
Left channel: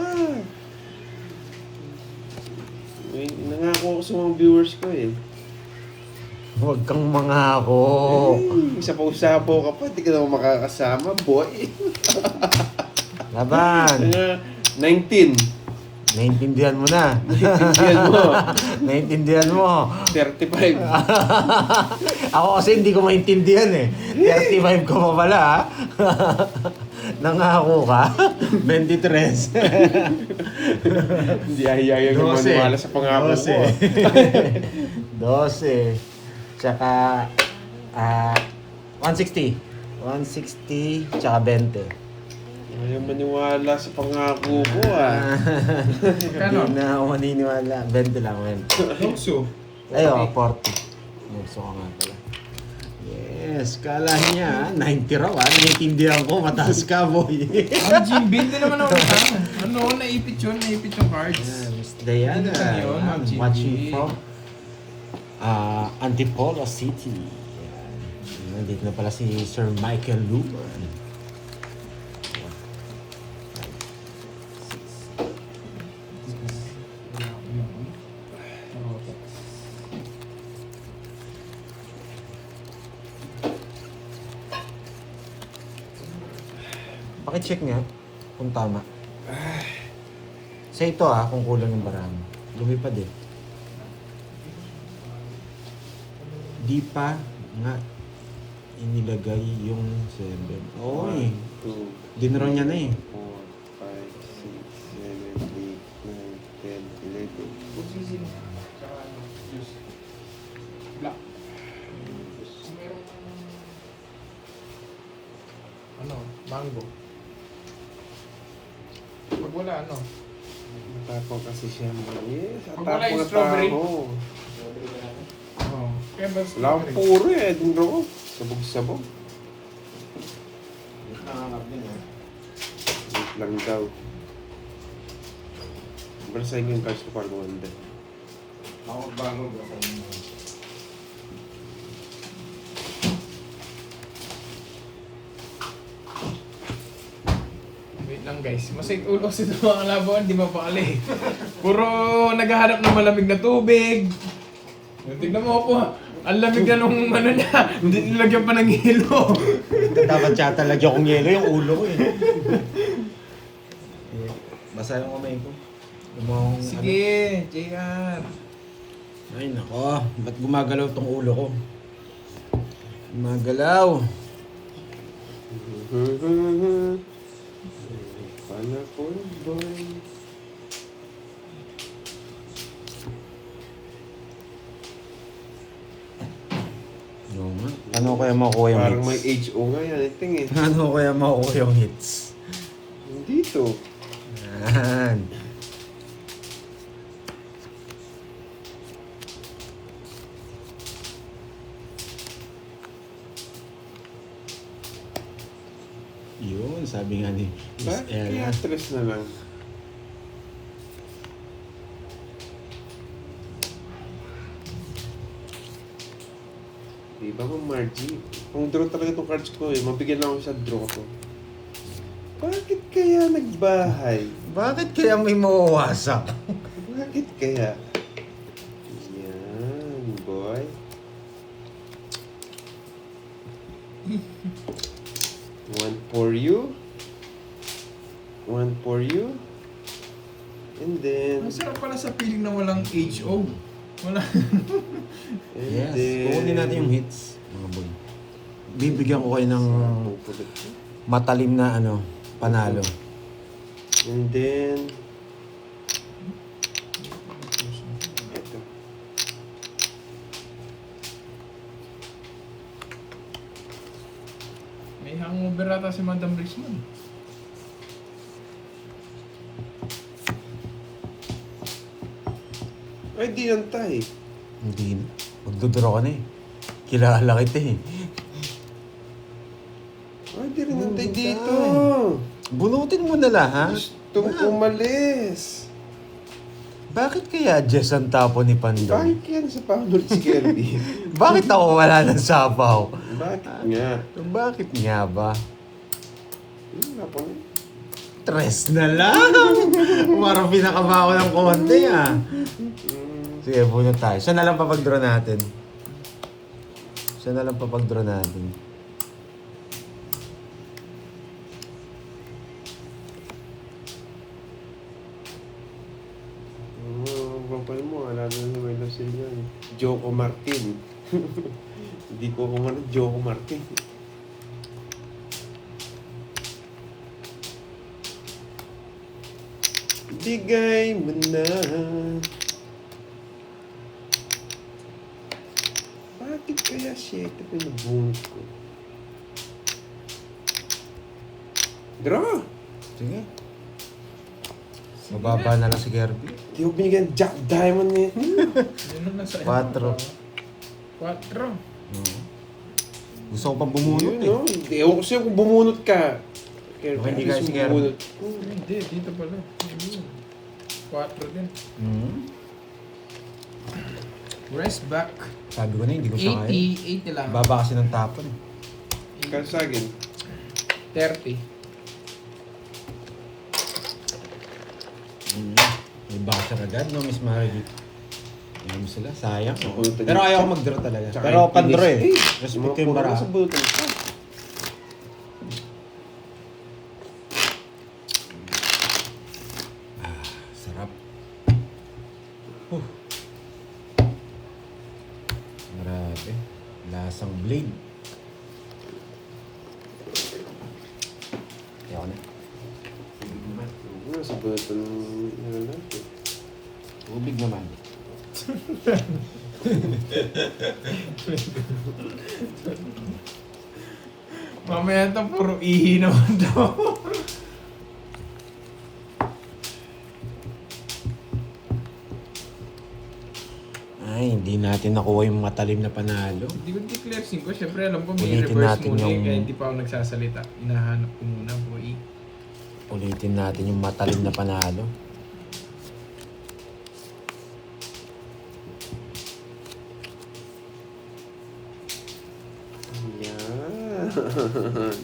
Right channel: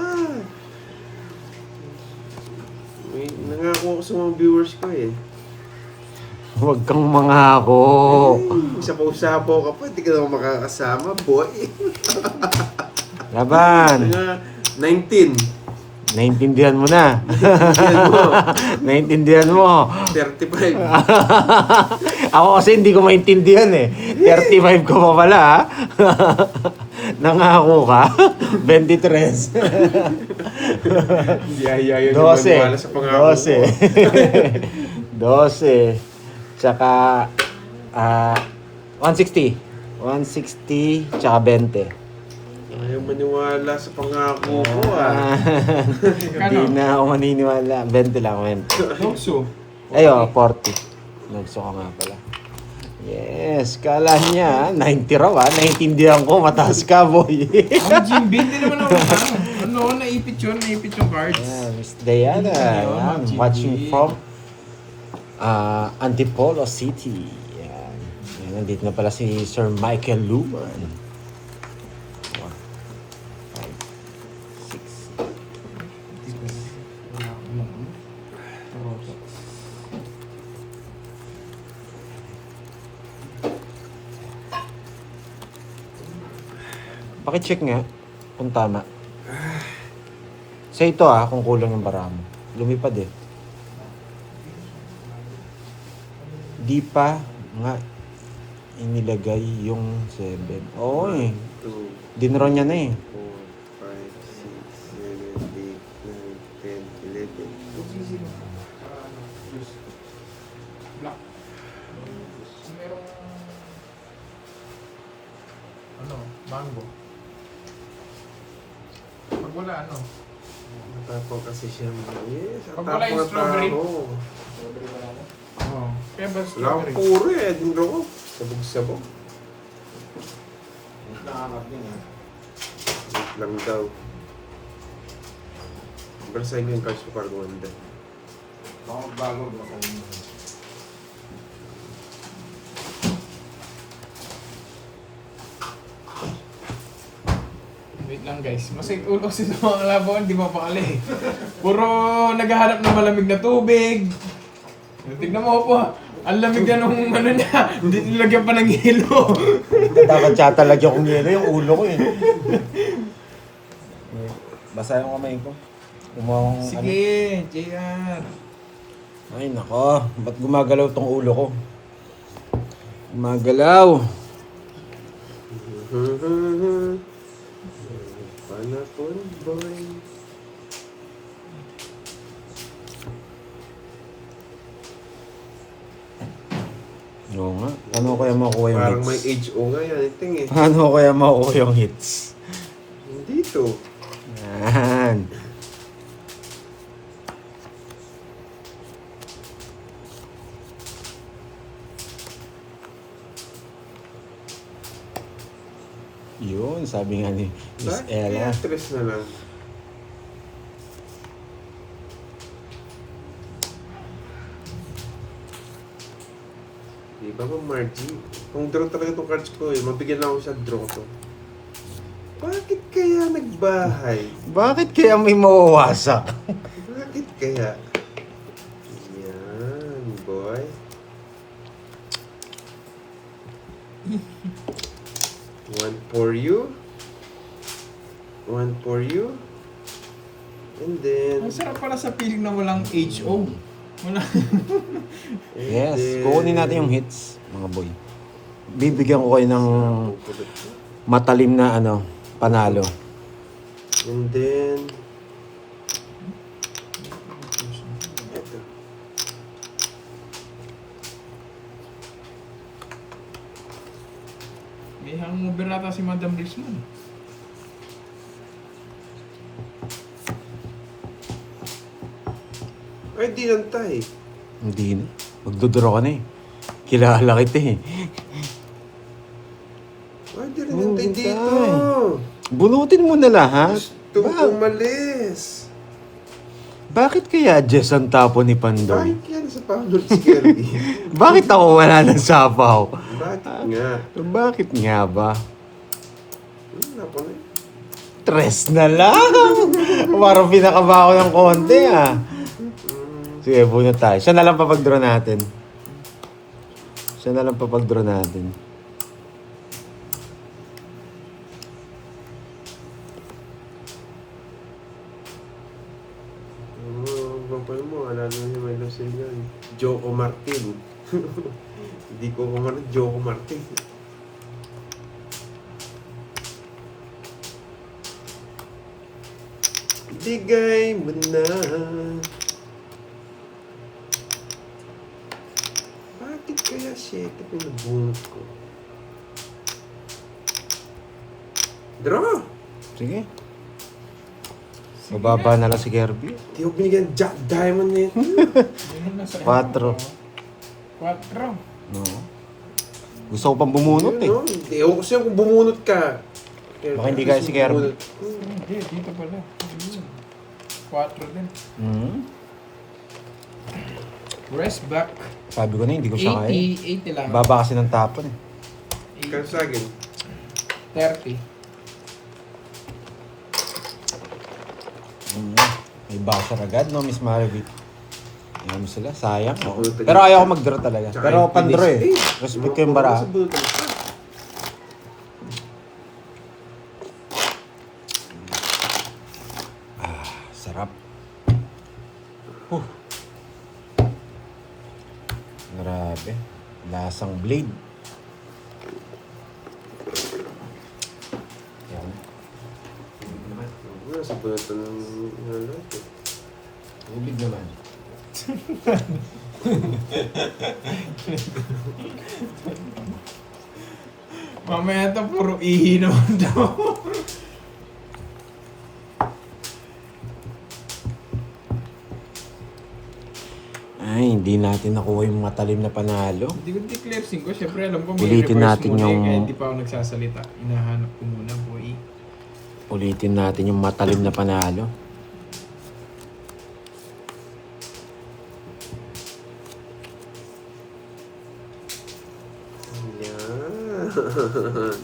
May nangako ako sa mga viewers ko eh. Huwag kang mangako. Sapaw-sapaw ka pa, hindi ka naman makakasama, boy. Laban. Mga 19. Naintindihan mo na. Yan mo. Naintindihan mo. 35. Ako kasi hindi ko maintindihan eh. 35 ko pa pala ha. Nangako ka. 23. Hindi ayayaw 12. yung maniwala sa pangako ko. 12. 12. Tsaka 160. 160 tsaka 20. Ayaw maniwala sa pangako ko ah. Kano? Hindi na ako maniniwala. 20 lang. 20. Nokso. Ayo, 40. Nagso ko nga pala. Yes, kala niya 90 raw ah. Naiintindihan ko, mataas ka boy. Ang Jimby, hindi naman ako lang. Ano, naipit yung cards. Yeah, Miss Diana, Ayun, yan, Ma'am Jimmy. watching from Antipolo City. Yan. Yan, nandito na pala si Sir Michael Luman. Pakicheck nga kung tama. Sa ito kung kulang yung bara mo. Lumipad eh. Di pa nga inilagay yung 7. Oo eh. 2, Dinro niya na eh. 4, 5, 6, 7, 8, 9, 10, 11. Black. Ano? Mango. Pag wala, ano? Matapang kasi siya. Yes, Pag wala yung atapang na strawberry. tao. Ano? Kaya ba Wala akong strawberry? puro eh. Dindro ko. Sabog-sabog. Wait lang daw. Balasahin ko yung cards ko para gumanda. Wait lang guys. Masakit ulo kasi sa mga laban, di mapakali. Puro naghahanap ng malamig na tubig. Tignan mo po. Ang lamig na nung ano niya. Hindi nilagyan pa ng yelo. Dapat siya talaga kong yelo yung ulo ko eh. Basa yung kamay ko. Gumawang Sige, JR. Ay nako, ba't gumagalaw tong ulo ko? Gumagalaw. Panakon boy. Oo nga. Paano kaya makuha yung Parang may hits? HO nga yan. I think eh. Paano kaya makuha yung hits? Dito. Yan. Yun, sabi nga ni Miss Ella. Kaya stress na lang. Ako, Margie. Kung draw talaga itong cards ko eh, mabigyan lang ako sa draw to. Bakit kaya nagbahay? Bakit kaya may mawawasak? Bakit kaya? Yan, boy. One for you. One for you. And then... Ang sarap pala sa feeling na walang HO. Wala. and Yes, then- kukunin natin yung hits, mga boy. Bibigyan ko kayo ng matalim na panalo. And then... Ito. May hangover ata si Madam Richmond. Ay, di lang tayo. Hindi na. Magdodoro ka na eh. Kilala kita eh. Ay, di rin Oh, lang tayo di dito. tayo. Bunutin mo na lahat. Gusto ko umalis. Bakit kaya Jess ang tapo ni Pandong? Bakit yan sa pamulot si Kirby? Bakit ako wala ng sapaw? Bakit nga? Bakit nga ba? Ako na. Tres na lang! Parang pinakaba ko ng konti ah. Sige, bunot tayo. Siya na lang papag-draw natin. Siya na lang papag-draw natin. Kapal mo, alam na yung may lasel yan. Joko Martin. Hindi ko kumana, Joko Martin. Bigay mo na. Bakit kaya 7 pinabunot ko? Draw! Sige. Mababa na lang si Kirby. Hindi ko binigyan Jack Diamond eh. Yun na sa 4. 4. No. Gusto ko pang bumunot eh. Ayun, no? Ewan ko sa'yo kung bumunot ka. Baka hindi kaya si Kirby. Bumunot. Hindi, dito pala. 4 din. Hmm? Rest back. Sabi ko na hindi ko siya kaya. 80 lang. Baba kasi ng tapon eh. Kaya sa akin, 30. Hmm. May basher agad no, Miss Maribit. Ayan mo sila, sayang. Oo. Bunutan Pero yun. ayaw ko mag-draw talaga. Tsaka Pero yung pan-draw eh. kinis. Respect ko yung bara. Sa bunutan siya. Sarap. Grabe. Lasang blade. Yan. Sa bunutan ng natin. Tubig naman. Mamaya ito, puro ihi naman daw. Ay, hindi natin nakuha yung matalim na panalo. Hindi ko declare 5. Siyempre alam ko may Ulitin reverse natin muna eh, yung- kaya hindi pa ako nagsasalita. Inahanap ko muna, boy. Ulitin natin yung matalim na panalo. Yan.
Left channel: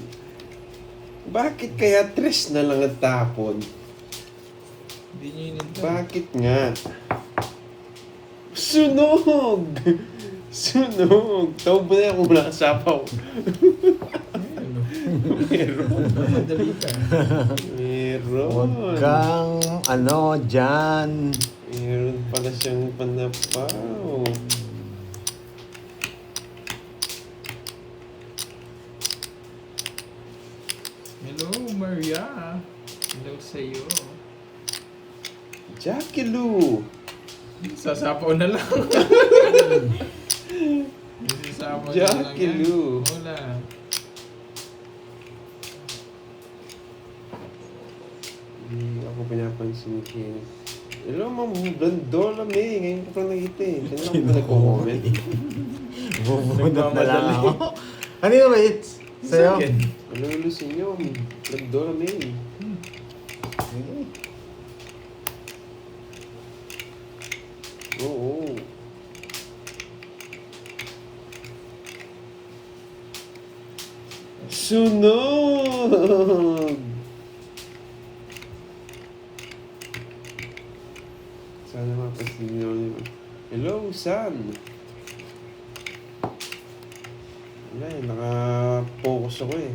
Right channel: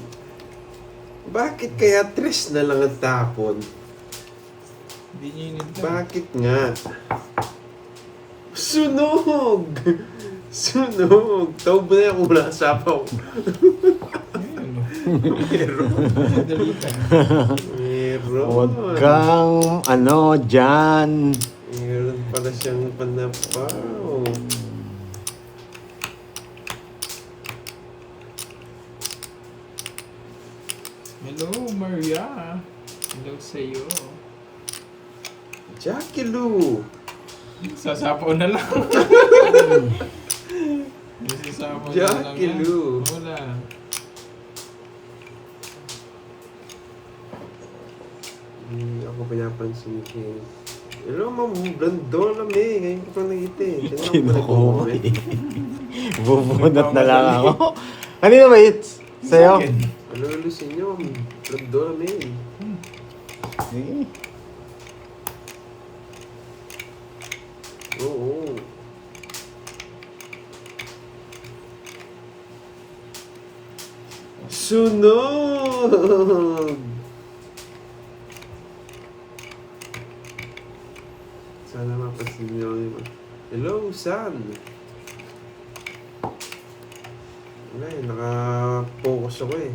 Bakit kaya 3 na lang ang tapon? Hindi nyo yun ito. Bakit nga? Sunog! Sunog! Tawag mo na yan kung wala kang sapaw. Meron. Madali ka. Meron. Huwag kang, dyan. Meron pala siyang panapaw. Hello, Maria. Hello sa'yo. Jackie Lou. Sasapaw na lang. Sasapaw na lang Jackie yan. Lou. Wala. Hindi ako pinapansin kay... Hello, Ma'am Blandola May. Ngayon ko pa nakita eh. Kailan ako nag-uwi? Bubunot na lang ako. Ano yung wait? Sa'yo? Hello, hello sa inyo, Ma'am Blandola May. Sige. Oo. Sunog! Sana mapasin nyo yung... Hello, son! Wala eh, naka-focus ako eh.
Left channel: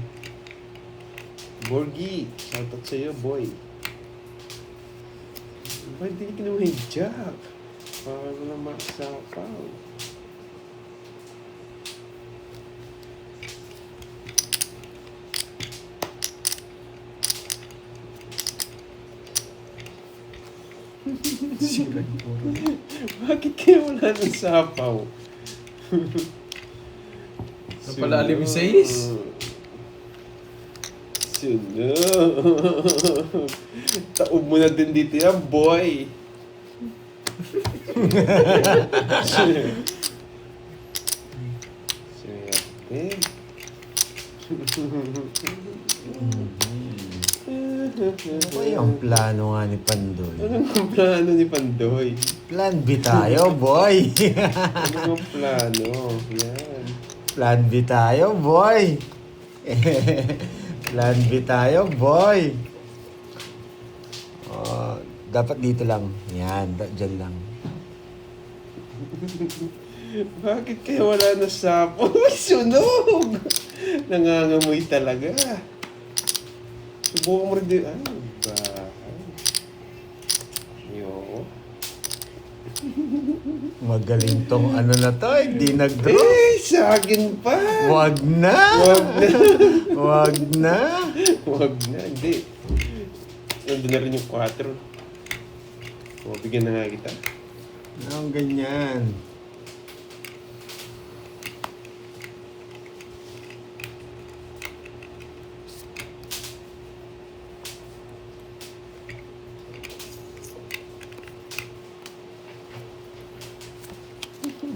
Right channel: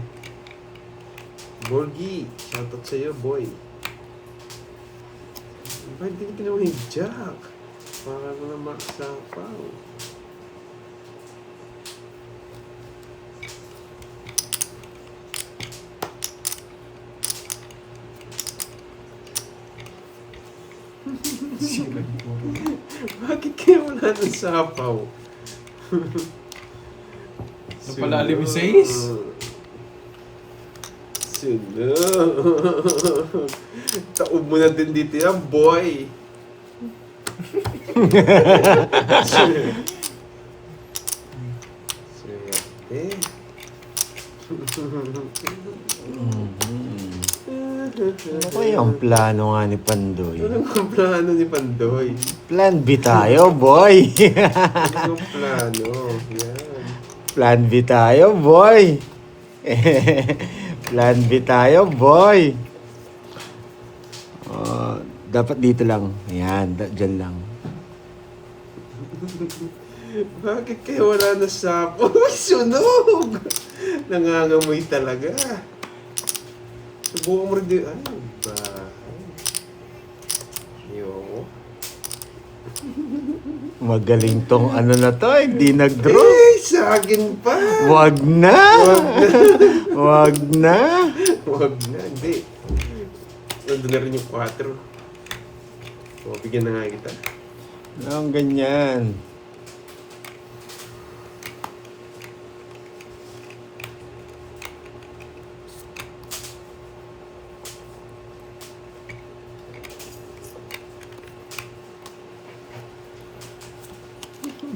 Borgie, shoutout sa'yo, boy. Ba't di ko kinuha yung jack? Para ko na maksapaw. Bakit kaya wala ng sapaw? Napalalim yung 6. Sunog. Taob mo na din dito yan, boy. Siyempre. Ano yung plano nga ni Pandoy? Ano ang plano ni Pandoy? Plan B tayo, boy! Ano ang plano? Yan. Plan B tayo, boy! Plan B tayo, boy! Dapat dito lang. Yan, dyan lang. Bakit kaya wala na sapo? Sunog! Nangangamoy talaga. Subukan mo rin din. Ano ba? Yo. Magaling tong ano na to, hindi nag-draw. Eh, sa akin pa! Wag na! Wag na! Wag na! Wag na, hindi. Nandun na rin yung 4. O, bigyan na nga kita. Ang ganyan.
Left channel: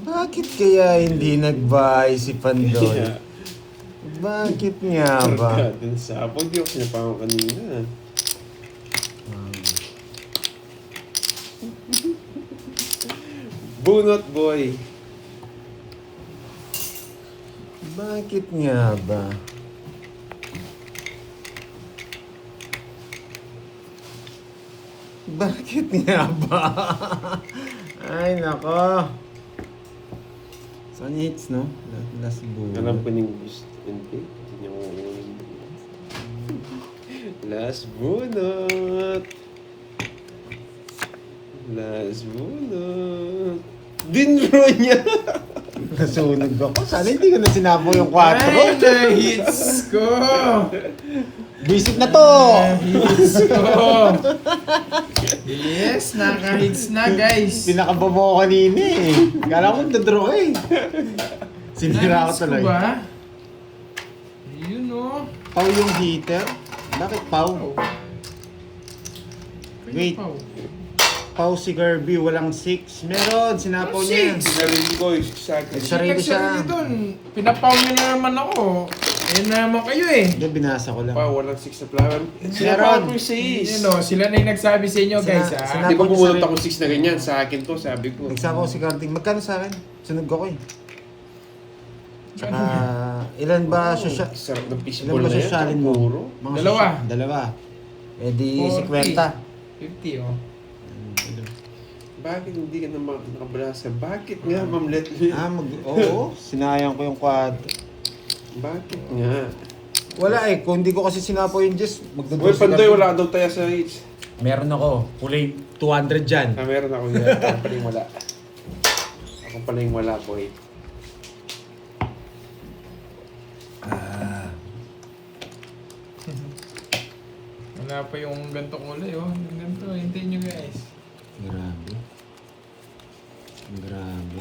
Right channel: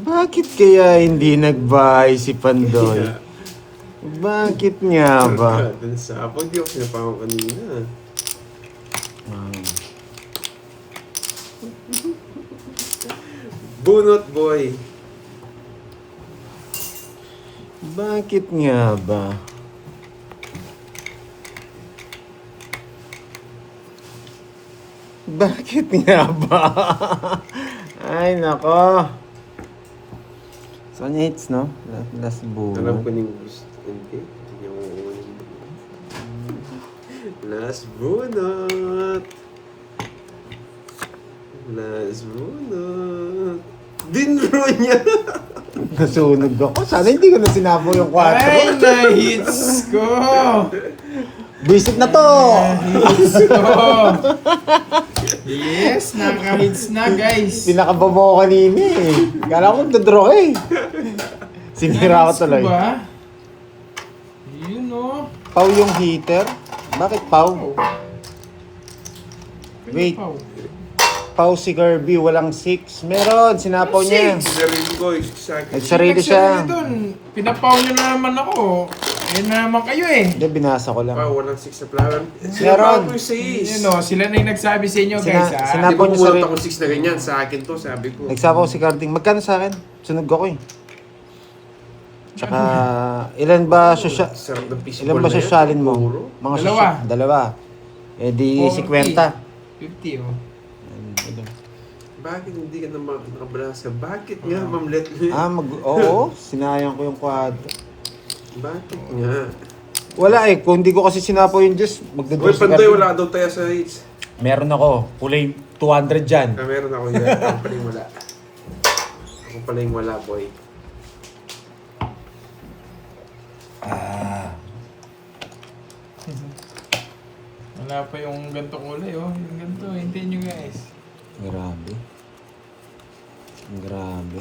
Bakit kaya hindi nagbahay si Pandoy? Kaya, Bakit nga ba? Dun sa apo, di ako sinapaw kanina. Bunot, boy. Bakit nga ba? Bakit nga ba? Ay, nako. So, hits, no? Last Alam ko buo. yung gusto. Hindi. Yung... Last bunot. Last bunot. Dinro niya. Nasunog ako. Sana hindi ko na sinapo yung 4. Ay, na-hits ko! Visit na to! Hits ko! Yes, naka-hits na guys. Pinakababaw ko kanina eh. Kala ko nagdadraw eh. Sinira ko Na-hits tuloy. ba? Yun o. Pau yung heater? Bakit Pau? Wait. Pau si Kirby, walang 6. Meron, sinapaw niya. Sinarili ko, sa akin. Nagsarili siya. Doon. Pinapaw nyo na naman ako. Ayun na naman kayo eh. Hindi, binasa ko lang. Pa, walang 6 na flower. Meron. Sinapaw ko yung 6. Yun o, sila na yung nagsabi sa inyo guys ha. Sina- Di ba Sinapaw niya pumunta sarili. ako 6 na ganyan? Sa akin to, sabi ko. Nagsapaw si Carding. Magkano sa akin? Sunog ako eh. Tsaka, ilan ba sosya... Sarap ng fishball Ilan ba na yan. sosyalin mo? Puro. Mga Dalawa. Dalawa. Eh di 50. 50 oh. Bakit hindi ka na nakabalasa? Bakit nga, Ma'am Let? Oo, sinayang ko yung quad. Bakit nga? Wala eh, kung hindi ko kasi sinapo yung Diyos, Uy, magdodose si Pandoy, Carding. wala ka daw tayo sa hits. Meron ako, kulay 200 dyan. Ah, meron ako yun. Ako pala yung wala. Ako pala yung wala, boy. Wala pa yung ganito kulay oh. Yung ganito, hintayin nyo guys. Grabe. Grabe.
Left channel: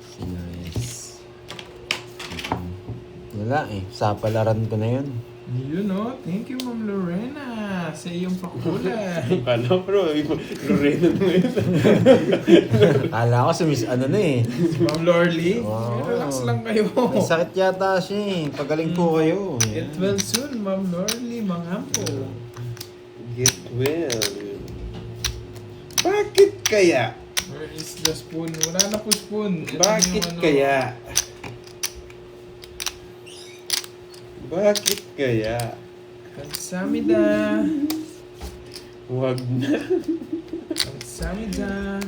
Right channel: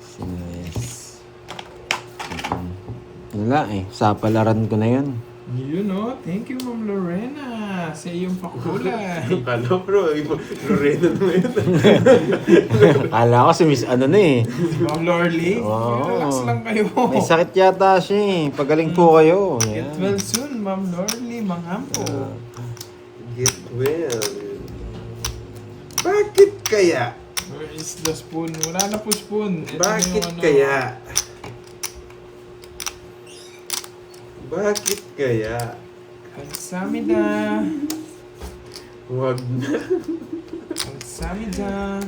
Sinayas. Wala eh, sa palaran ko na yan. Yun oh. Thank you Ma'am Lorena sa iyong pakulay. Alam, bro. Lorena na ngayon. Kala ko si Miss ano na eh. Ma'am Lorly, Wow. relax lang kayo. May sakit yata siya eh. Pagaling po kayo. Get Yan. well soon, Ma'am Lorly, manghampo. Get well. Bakit kaya? Where is the spoon? Wala na po spoon. Ito na Bakit yung ano. kaya? Bakit kaya? Kamsamida. Huwag na. Kamsamida.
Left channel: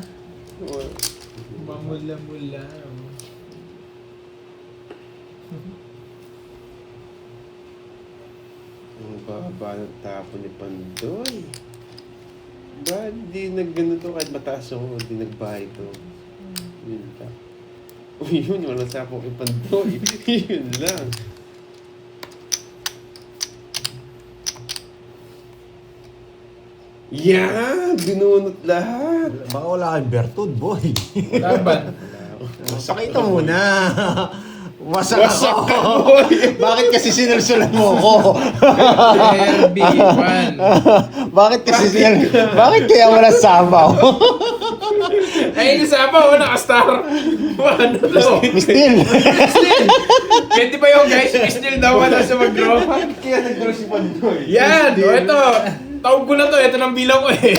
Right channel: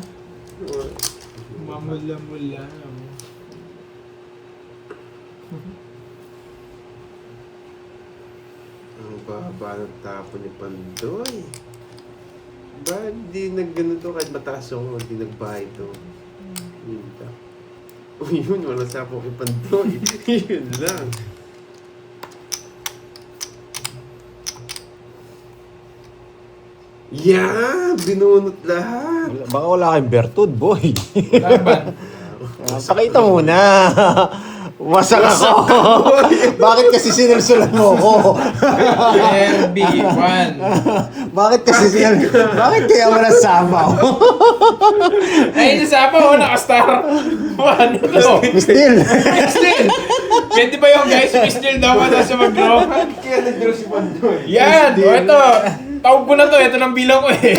Wag. Mamula-mula. Ang baba ng tapo ni Pandoy. Bakit di nagganito kahit mataas ako, di nagbahay to? Yun ka. O yun, walang sapo kay Pandoy. Yun lang. Yan! Binunot lahat! Baka wala kang bertud, boy. Laban. Pakita muna. Wasak ako. Bakit kasi sinulsulan mo ko? RB1. Bakit kasi bakit kaya wala sabaw? Ay, nasama ko, nakastar. Ano to? Still. Still. Pwede ba yung guys? Still daw ka sa mag-draw. Kaya nag-draw si Pandoy. Yan! O, ito. Tawag ko na to. Ito ng bilang ko eh.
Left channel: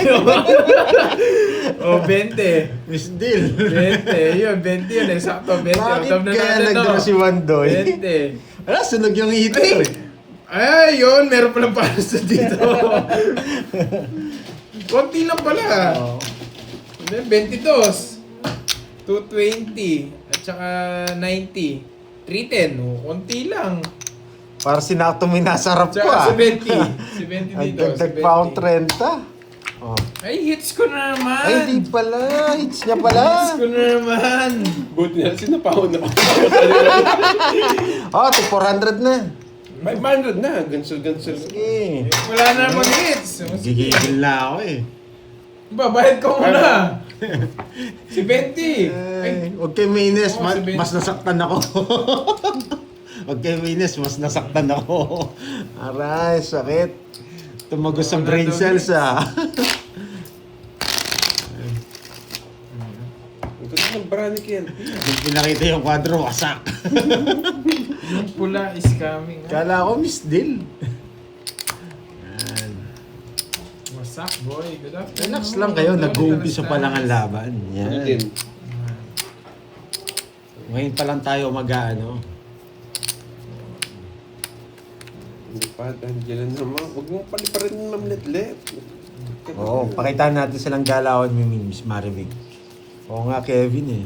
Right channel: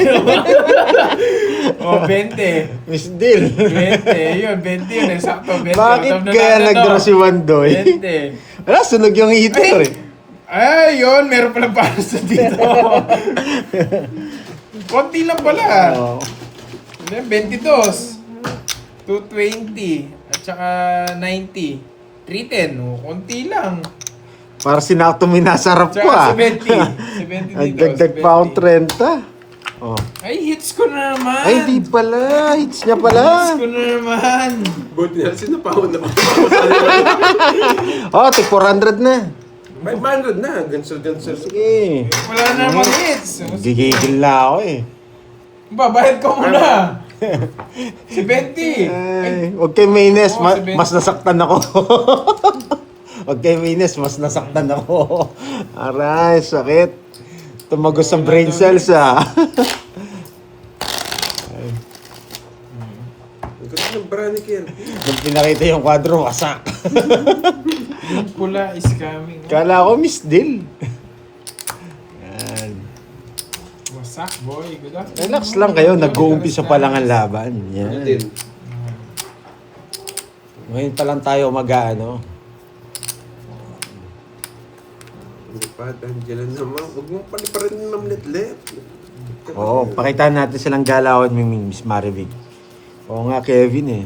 O, 20. Miss Deal. 20. Yun, 20 yun. Eksakto, 20. Bakit Tawag na kaya natin nag-draw to. si Wandoy? 20. Wala, sunog yung heater eh. Ay, yun. Meron palang paros na dito. Konti lang pala. Oh. 22. 220. At saka 90. 310. O, konti lang. Para sinakto minasarap Tsaka pa. 70. 70 Ay, dito. dagdag pa akong 30. Oh. Ay, hits ko na naman. Ay, di pala. Hits niya pala. Hits ko na naman. Buti na, sinapahon ako. Oh, tig 400 na. May 500 na. Gansel. Sige. Wala na naman hits. Gigigil na ako eh. Babayad ko muna. Si 20. Ay, huwag kayo mainis. Oo, si Ben. Mas nasaktan ako. Huwag kayo mainis. Mas nasaktan ako. Aray, sakit. Tumagos sa brain cells ah. Ang ganda ng brand Kirby. Nung pinakita yung kwadro, wasak. Yung pula is coming. Kala ko Miss Dill. Yan. Wasak, boy. Good afternoon. Relax lang kayo. Nag-uumpisa pa lang ang laban. Ano din? Yan. Ngayon pa lang tayo mag-ano. Hindi pa, Angela naman. Huwag mo paliparin ng letlet. Oo, pakitaan natin silang galawan ni Miss Maribig. Oo nga, Kevin eh.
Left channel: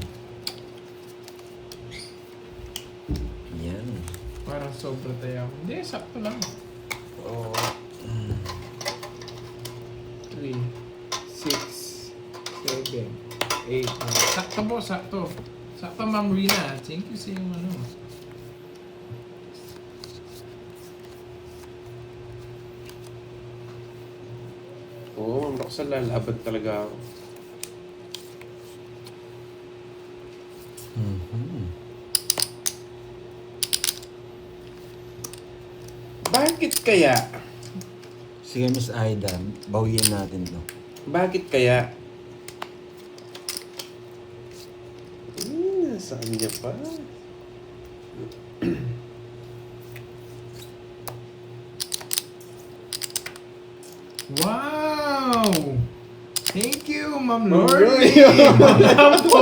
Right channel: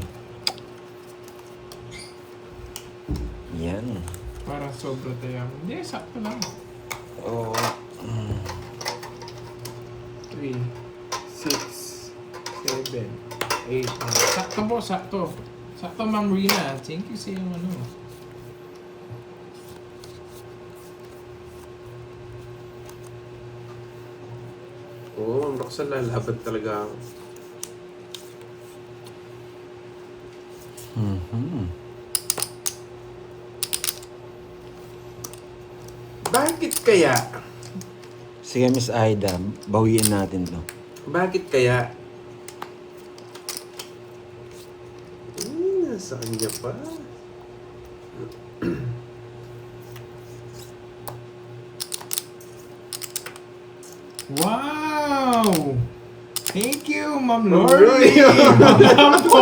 Yan. Parang sobra tayo. Hindi, sakto lang. Oo. 3, 6, 7, 8. Sakto po, sakto. Sakto, Ma'am Rina. Thank you sa yung ano. Oo, ang lakas na lalaban talaga ako. Mhm. Bakit kaya? Sige, Miss Aida, bawiin natin to. Bakit kaya? Nasa kanya pa. Wow! Thank you, Ma'am Ma'am Lorly! Lorly. Ma'am po!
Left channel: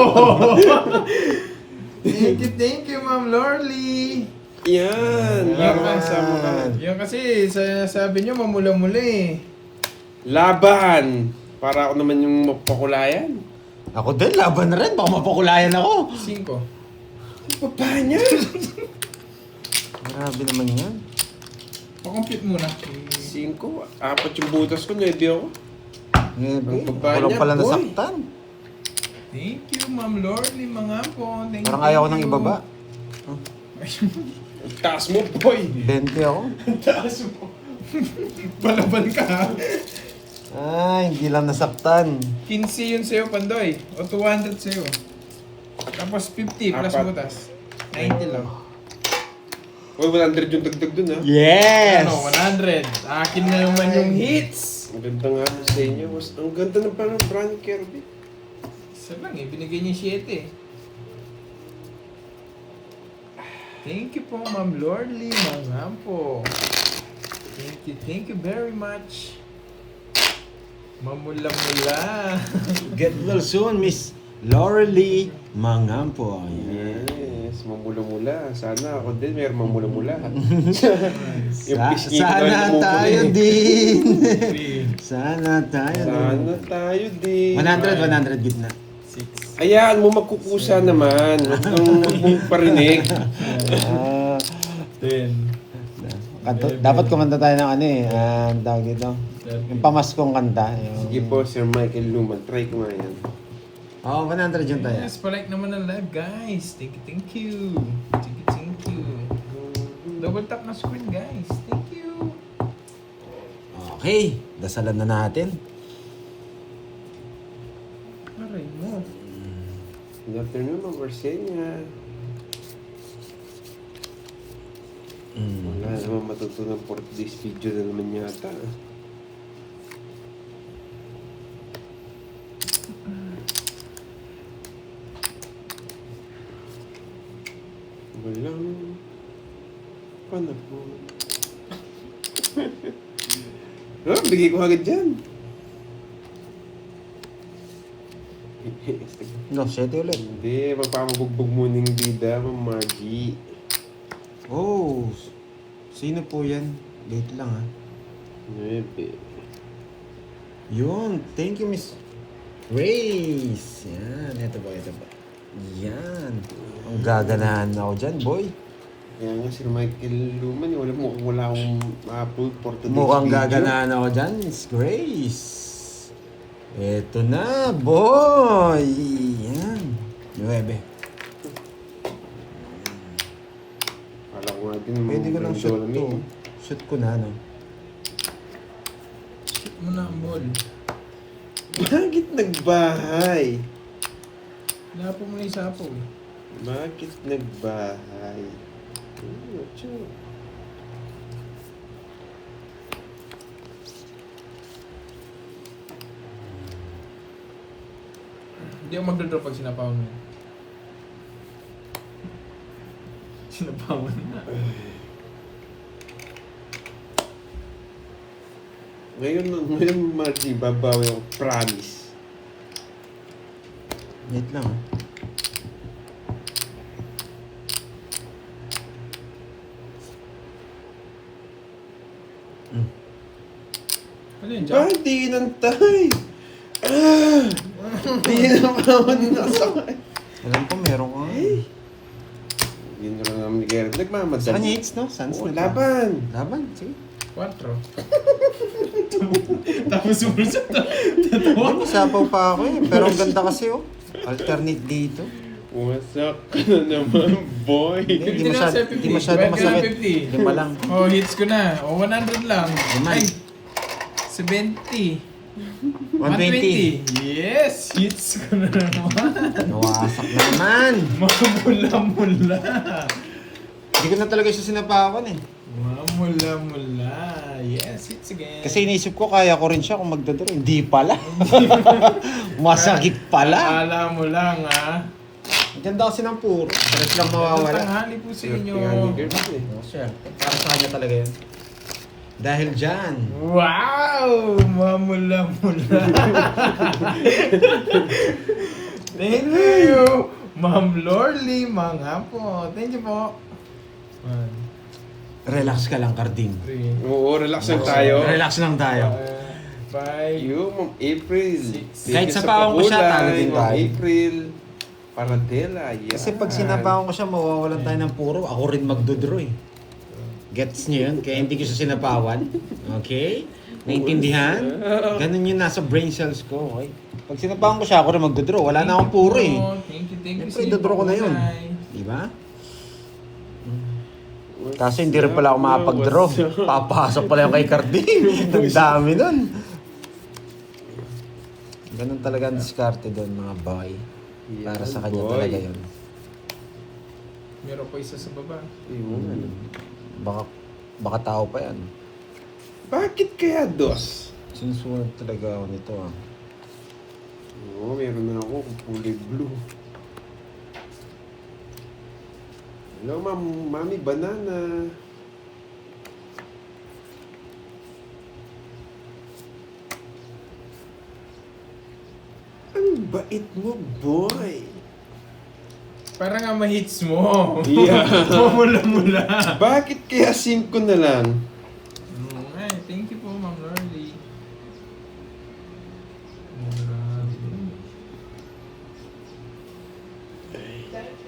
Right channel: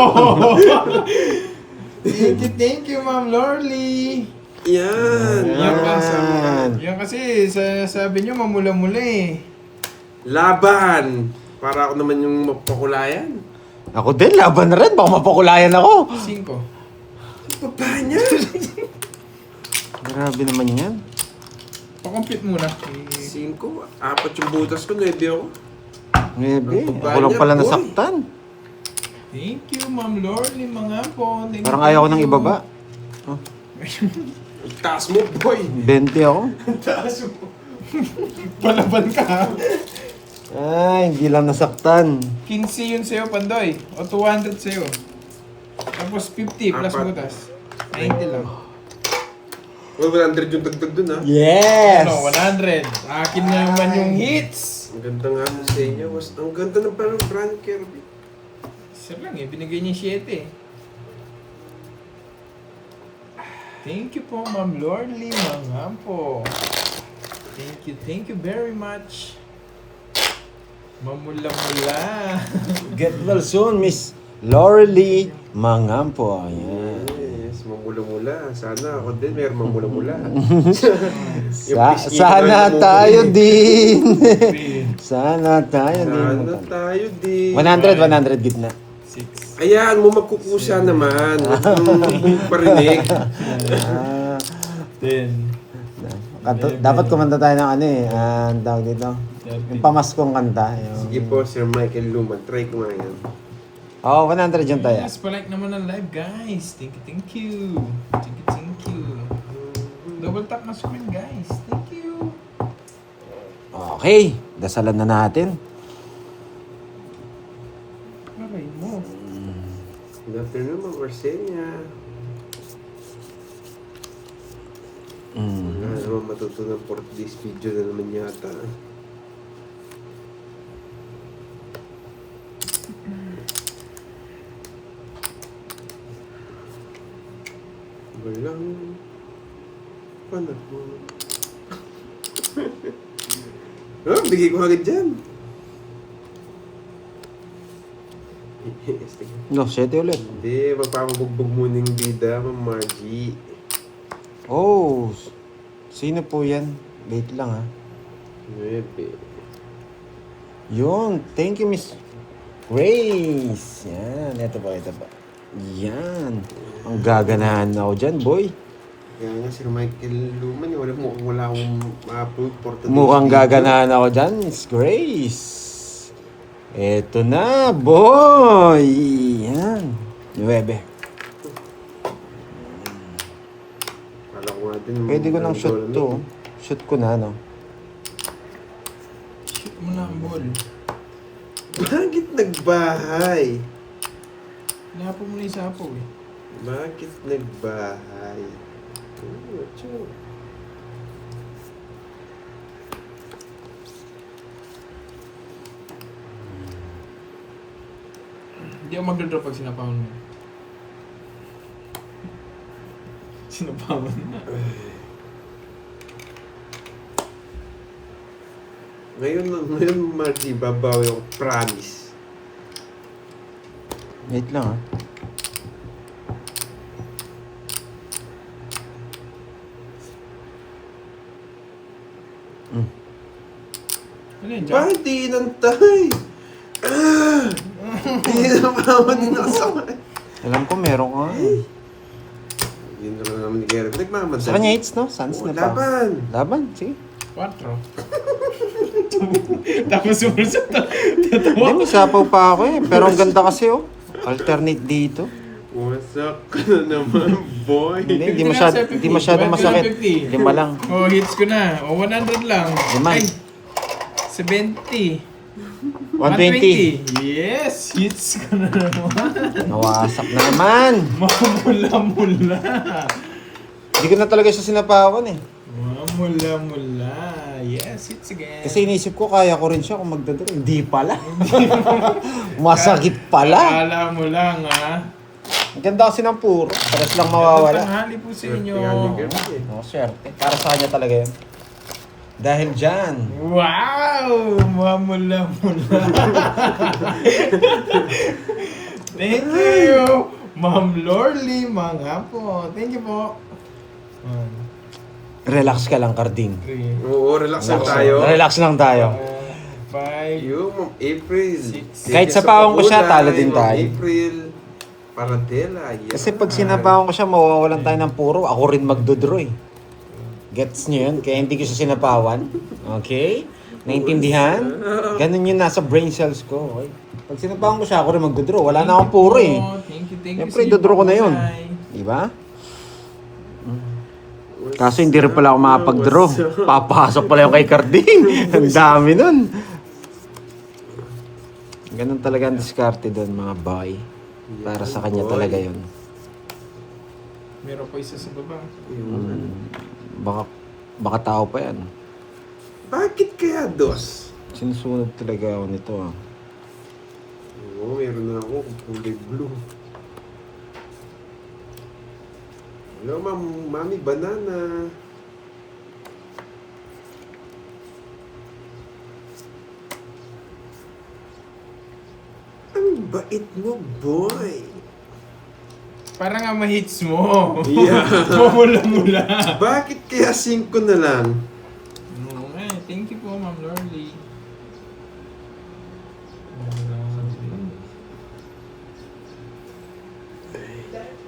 Thank you, Ma'am Lorly! Yan! Yan Laro pa. kasama ka. Yan kasi, sabi niyo mamula-mula eh. Laban! Para ako naman yung mapakulayan. Ako din, laban na rin. Baka mapakulayan ako. 5. Baba niya! Grabe naman yan. Pa-compute muna. 5. 4 yung butas ko, 9 ako. Maybe. Ang baba Ako lang niya, pala boy. nasaktan. Thank you, Ma'am Lorly, mga po. Thank Parang you. ayaw ko nang ibaba. Ang taas mo, boy! 20 ako. Taas mo! Palaban ka. Ay, hindi lang nasaktan. 15 yun sa'yo, Pandoy. O 200 sa'yo. Tapos 50 plus Apat. butas. 90 lang. Well, 100 yung dagdag dun, ha? Yes! Ano, 100. Akin na naman yung hits. Ang ganda nga sa inyo. Ang ganda ng parang brand Kirby. Isa lang eh, binigay niya 7 eh. Thank you po, Ma'am Lorly, mga po. Thank you very much. Mamula-mula. Get well soon, Miss Laurelie Mangampo. Ayan. Yes, mamula-mula. Sana ako din mayroong mamula-mula. Sana tayo din. Sana tayo din. Sana tayo din. 100 gitna. 6. Ayan mo magkukusa naman. Huwag mong parinig. Ah, 10. dapat kumanta tayo ng ano eh. Ang tawag dito. Yung pamaskong kanta. Sige po, Sir Michael Luman. Try ko nga yan. Oo, 100 yung tayo. Yes, palike naman ang live, guys. Thank you, thank you. Thank you. Double tap na screen, guys. Thank you. Okay, dasalan na natin. Aray mo. Good afternoon, Ma'am Orsenia. Wala naman matutunan for this video na naman yata. Walang panahon. Oh, bigay ko agad dyan. No, 7 ulit. Hindi, magpapabugbog muna yung bida, Ma'am Margie. Oh, sino po yan? Wait lang ha. 9. Yun, thank you Miss Grace. Yan, ito ba. Yan. Ang gaganahan ako dyan, boy. Kaya nga si Michael Luman, wala akong ma-upload for today's Mukhang video. gaganahan ako dyan, Miss Grace. Eto na, boy. Yan. 9. Akala ko nga din, Pwede ko ng shoot to. Shoot ko na, no? Shoot mo na ang ball. Bakit nagbahay? Napo mo na yung sapo eh. Bakit nagbahay? Tiyo. Hindi ako magdodrop pag sinapawan mo. Sinapawan na. Ngayon, Margie, babawi ako, promise. Wait lang, ha? Ano yun, Jack? Bakit di inantay? Di na mawad na kasakay. Alam ko meron ka. Yun na lang naman ni Gary. Nagmamadali. Sa kanya hits, no? Sans Oo, na pa. laban. Laban, sige. 4. Tapos sumunod to. Hindi, masapaw pa ako eh. Pero ang ganda kasi, oh. Alternate dito. Wasak ka na naman, boy. Hindi 50 na, sir, 50. masyado Balik na masakit. 50. 5 lang. Oh, hits ko na. Oh, 100 lang. Naman. Ay, 70. 120. Yes! Hits ko na naman. Nawasak na naman. Mamula-mula. Hindi ko na talaga siya sinapawan eh. Mamula-mula. Yes, hits again. Kasi iniisip ko, kaya ko rin siya kung magdodoro. Hindi pala. Masakit pala. Akala mo lang, ha? Ang ganda kasi ng puro. Pares lang mawawala. Tanghali po sa inyo. Oh, swerte. Para sa kanya talaga yun. Dahil dyan. Wow! Mamula-mula. Thank you! Ma'am Lorly, mga po. Thank you po. 1, Relax ka lang, Carding. 3, Oo, relax lang tayo. Relax lang tayo. 5, You, Ma'am April. Kahit sa pawang ko siya, talo din Ma'am tayo. April. Paradela. Yeah. Kasi pag sinapawan ko siya, mawawalan tayo ng puro. Ako rin magdodraw eh. Gets niyo yun? Kaya hindi ko siya sinapawan. Okay? Naintindihan? Ganun yun nasa brain cells ko. Okay? Pag sinapawan ko siya, ako rin magdodraw. Wala na akong puro eh. Thank you. Siyempre, dodraw ko na yun. Diba? Kaso hindi rin pala ako makapag-draw. Papasok pala yung kay Carding. Ang dami nun. Ganun talaga ang diskarte doon, mga boy. Para sa kanya boy. talaga yun. Meron pa isa sa baba. Ayun. Baka tao pa yan. Bakit kaya dos? Sinusunod talaga ako nito. Ah. Oo, meron na ako kulay blue. Hello, Mami Banana. Ang bait mo, boy. Parang nga ma-hits mo. Yeah. Mumula-mula. Bakit kaya 5 na lang? Oo nga, thank you po, Ma'am Lorly.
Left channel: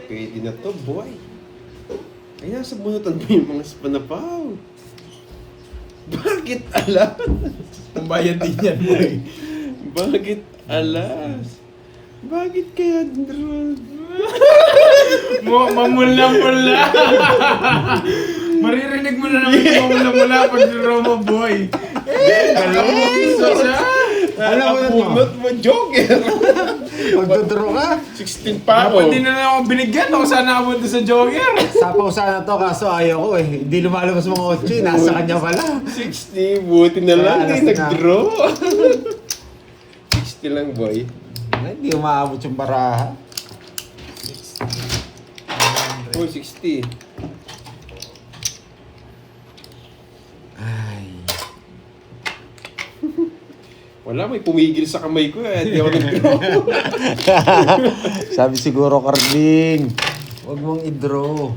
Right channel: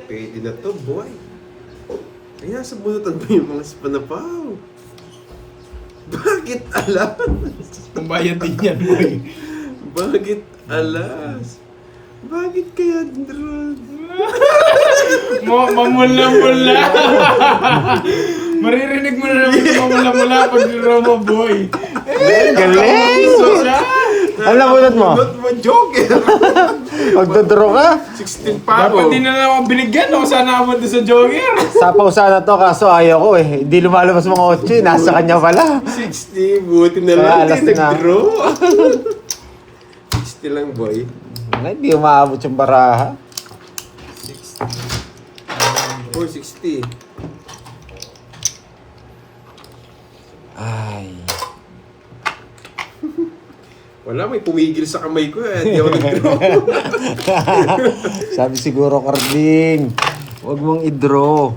Pwede na to, boy. Ay, nasa bunutan mo yung mga spanapaw. Bakit alas? Kung bayad din yan, boy. Bakit alas? Bakit kaya drone? Mamula-mula. Maririnig mo na naman yung mamula-mula pag Romo, boy. Galing! So siya. Alam mo mo? Bunot mo, joker. Magdodro ka? 16 pa Dapat ako. din na lang ako binigyan. Ako sana ako sa jogger. Sapaw sana to, kaso ayaw ko eh. Hindi lumalabas mga 8, nasa kanya pala. 60, buti na Kaya lang, alas hindi na. nag-draw. 60 lang, boy. Hindi umaabot yung baraha. Oh, 60. Ay. Wala, may pumigil sa kamay ko eh. Hindi ako nag-draw. Sabi siguro, Carding, huwag mong i-draw.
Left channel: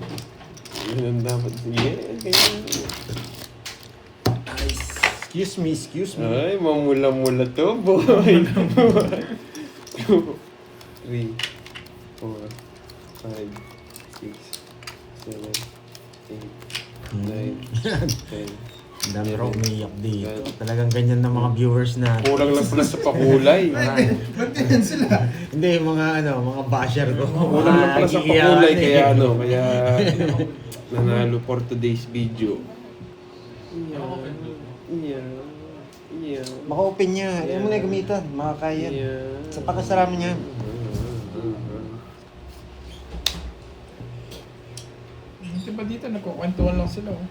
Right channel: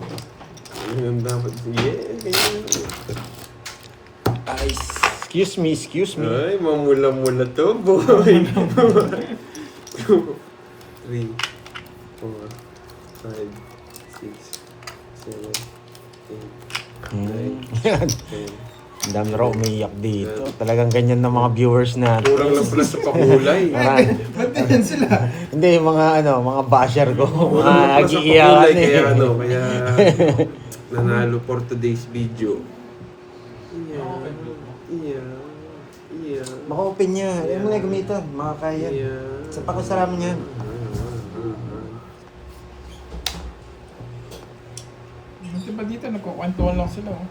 Ayun ang dapat. Yeah. Excuse me. Ay, mamula-mula to, boy. 2, 3, 4, 5, 6, 7, 8, 9, 10. Ang dami raw umiiyak dito. Talagang ganyan ng mga viewers natin. Kurang lang pala sa pakulay. Ba't ganyan sila? Hindi, mga basher ko. Kurang lang Mga pala sa agiiyakan pakulay. Kaya eh. kaya nanalo for today's video. Yeah. Maka-open niya. Yan mo na gamitan. Makakaya. Sa pakasalamin yan. Diba dito, nagkukwentuhan lang sila. Oh.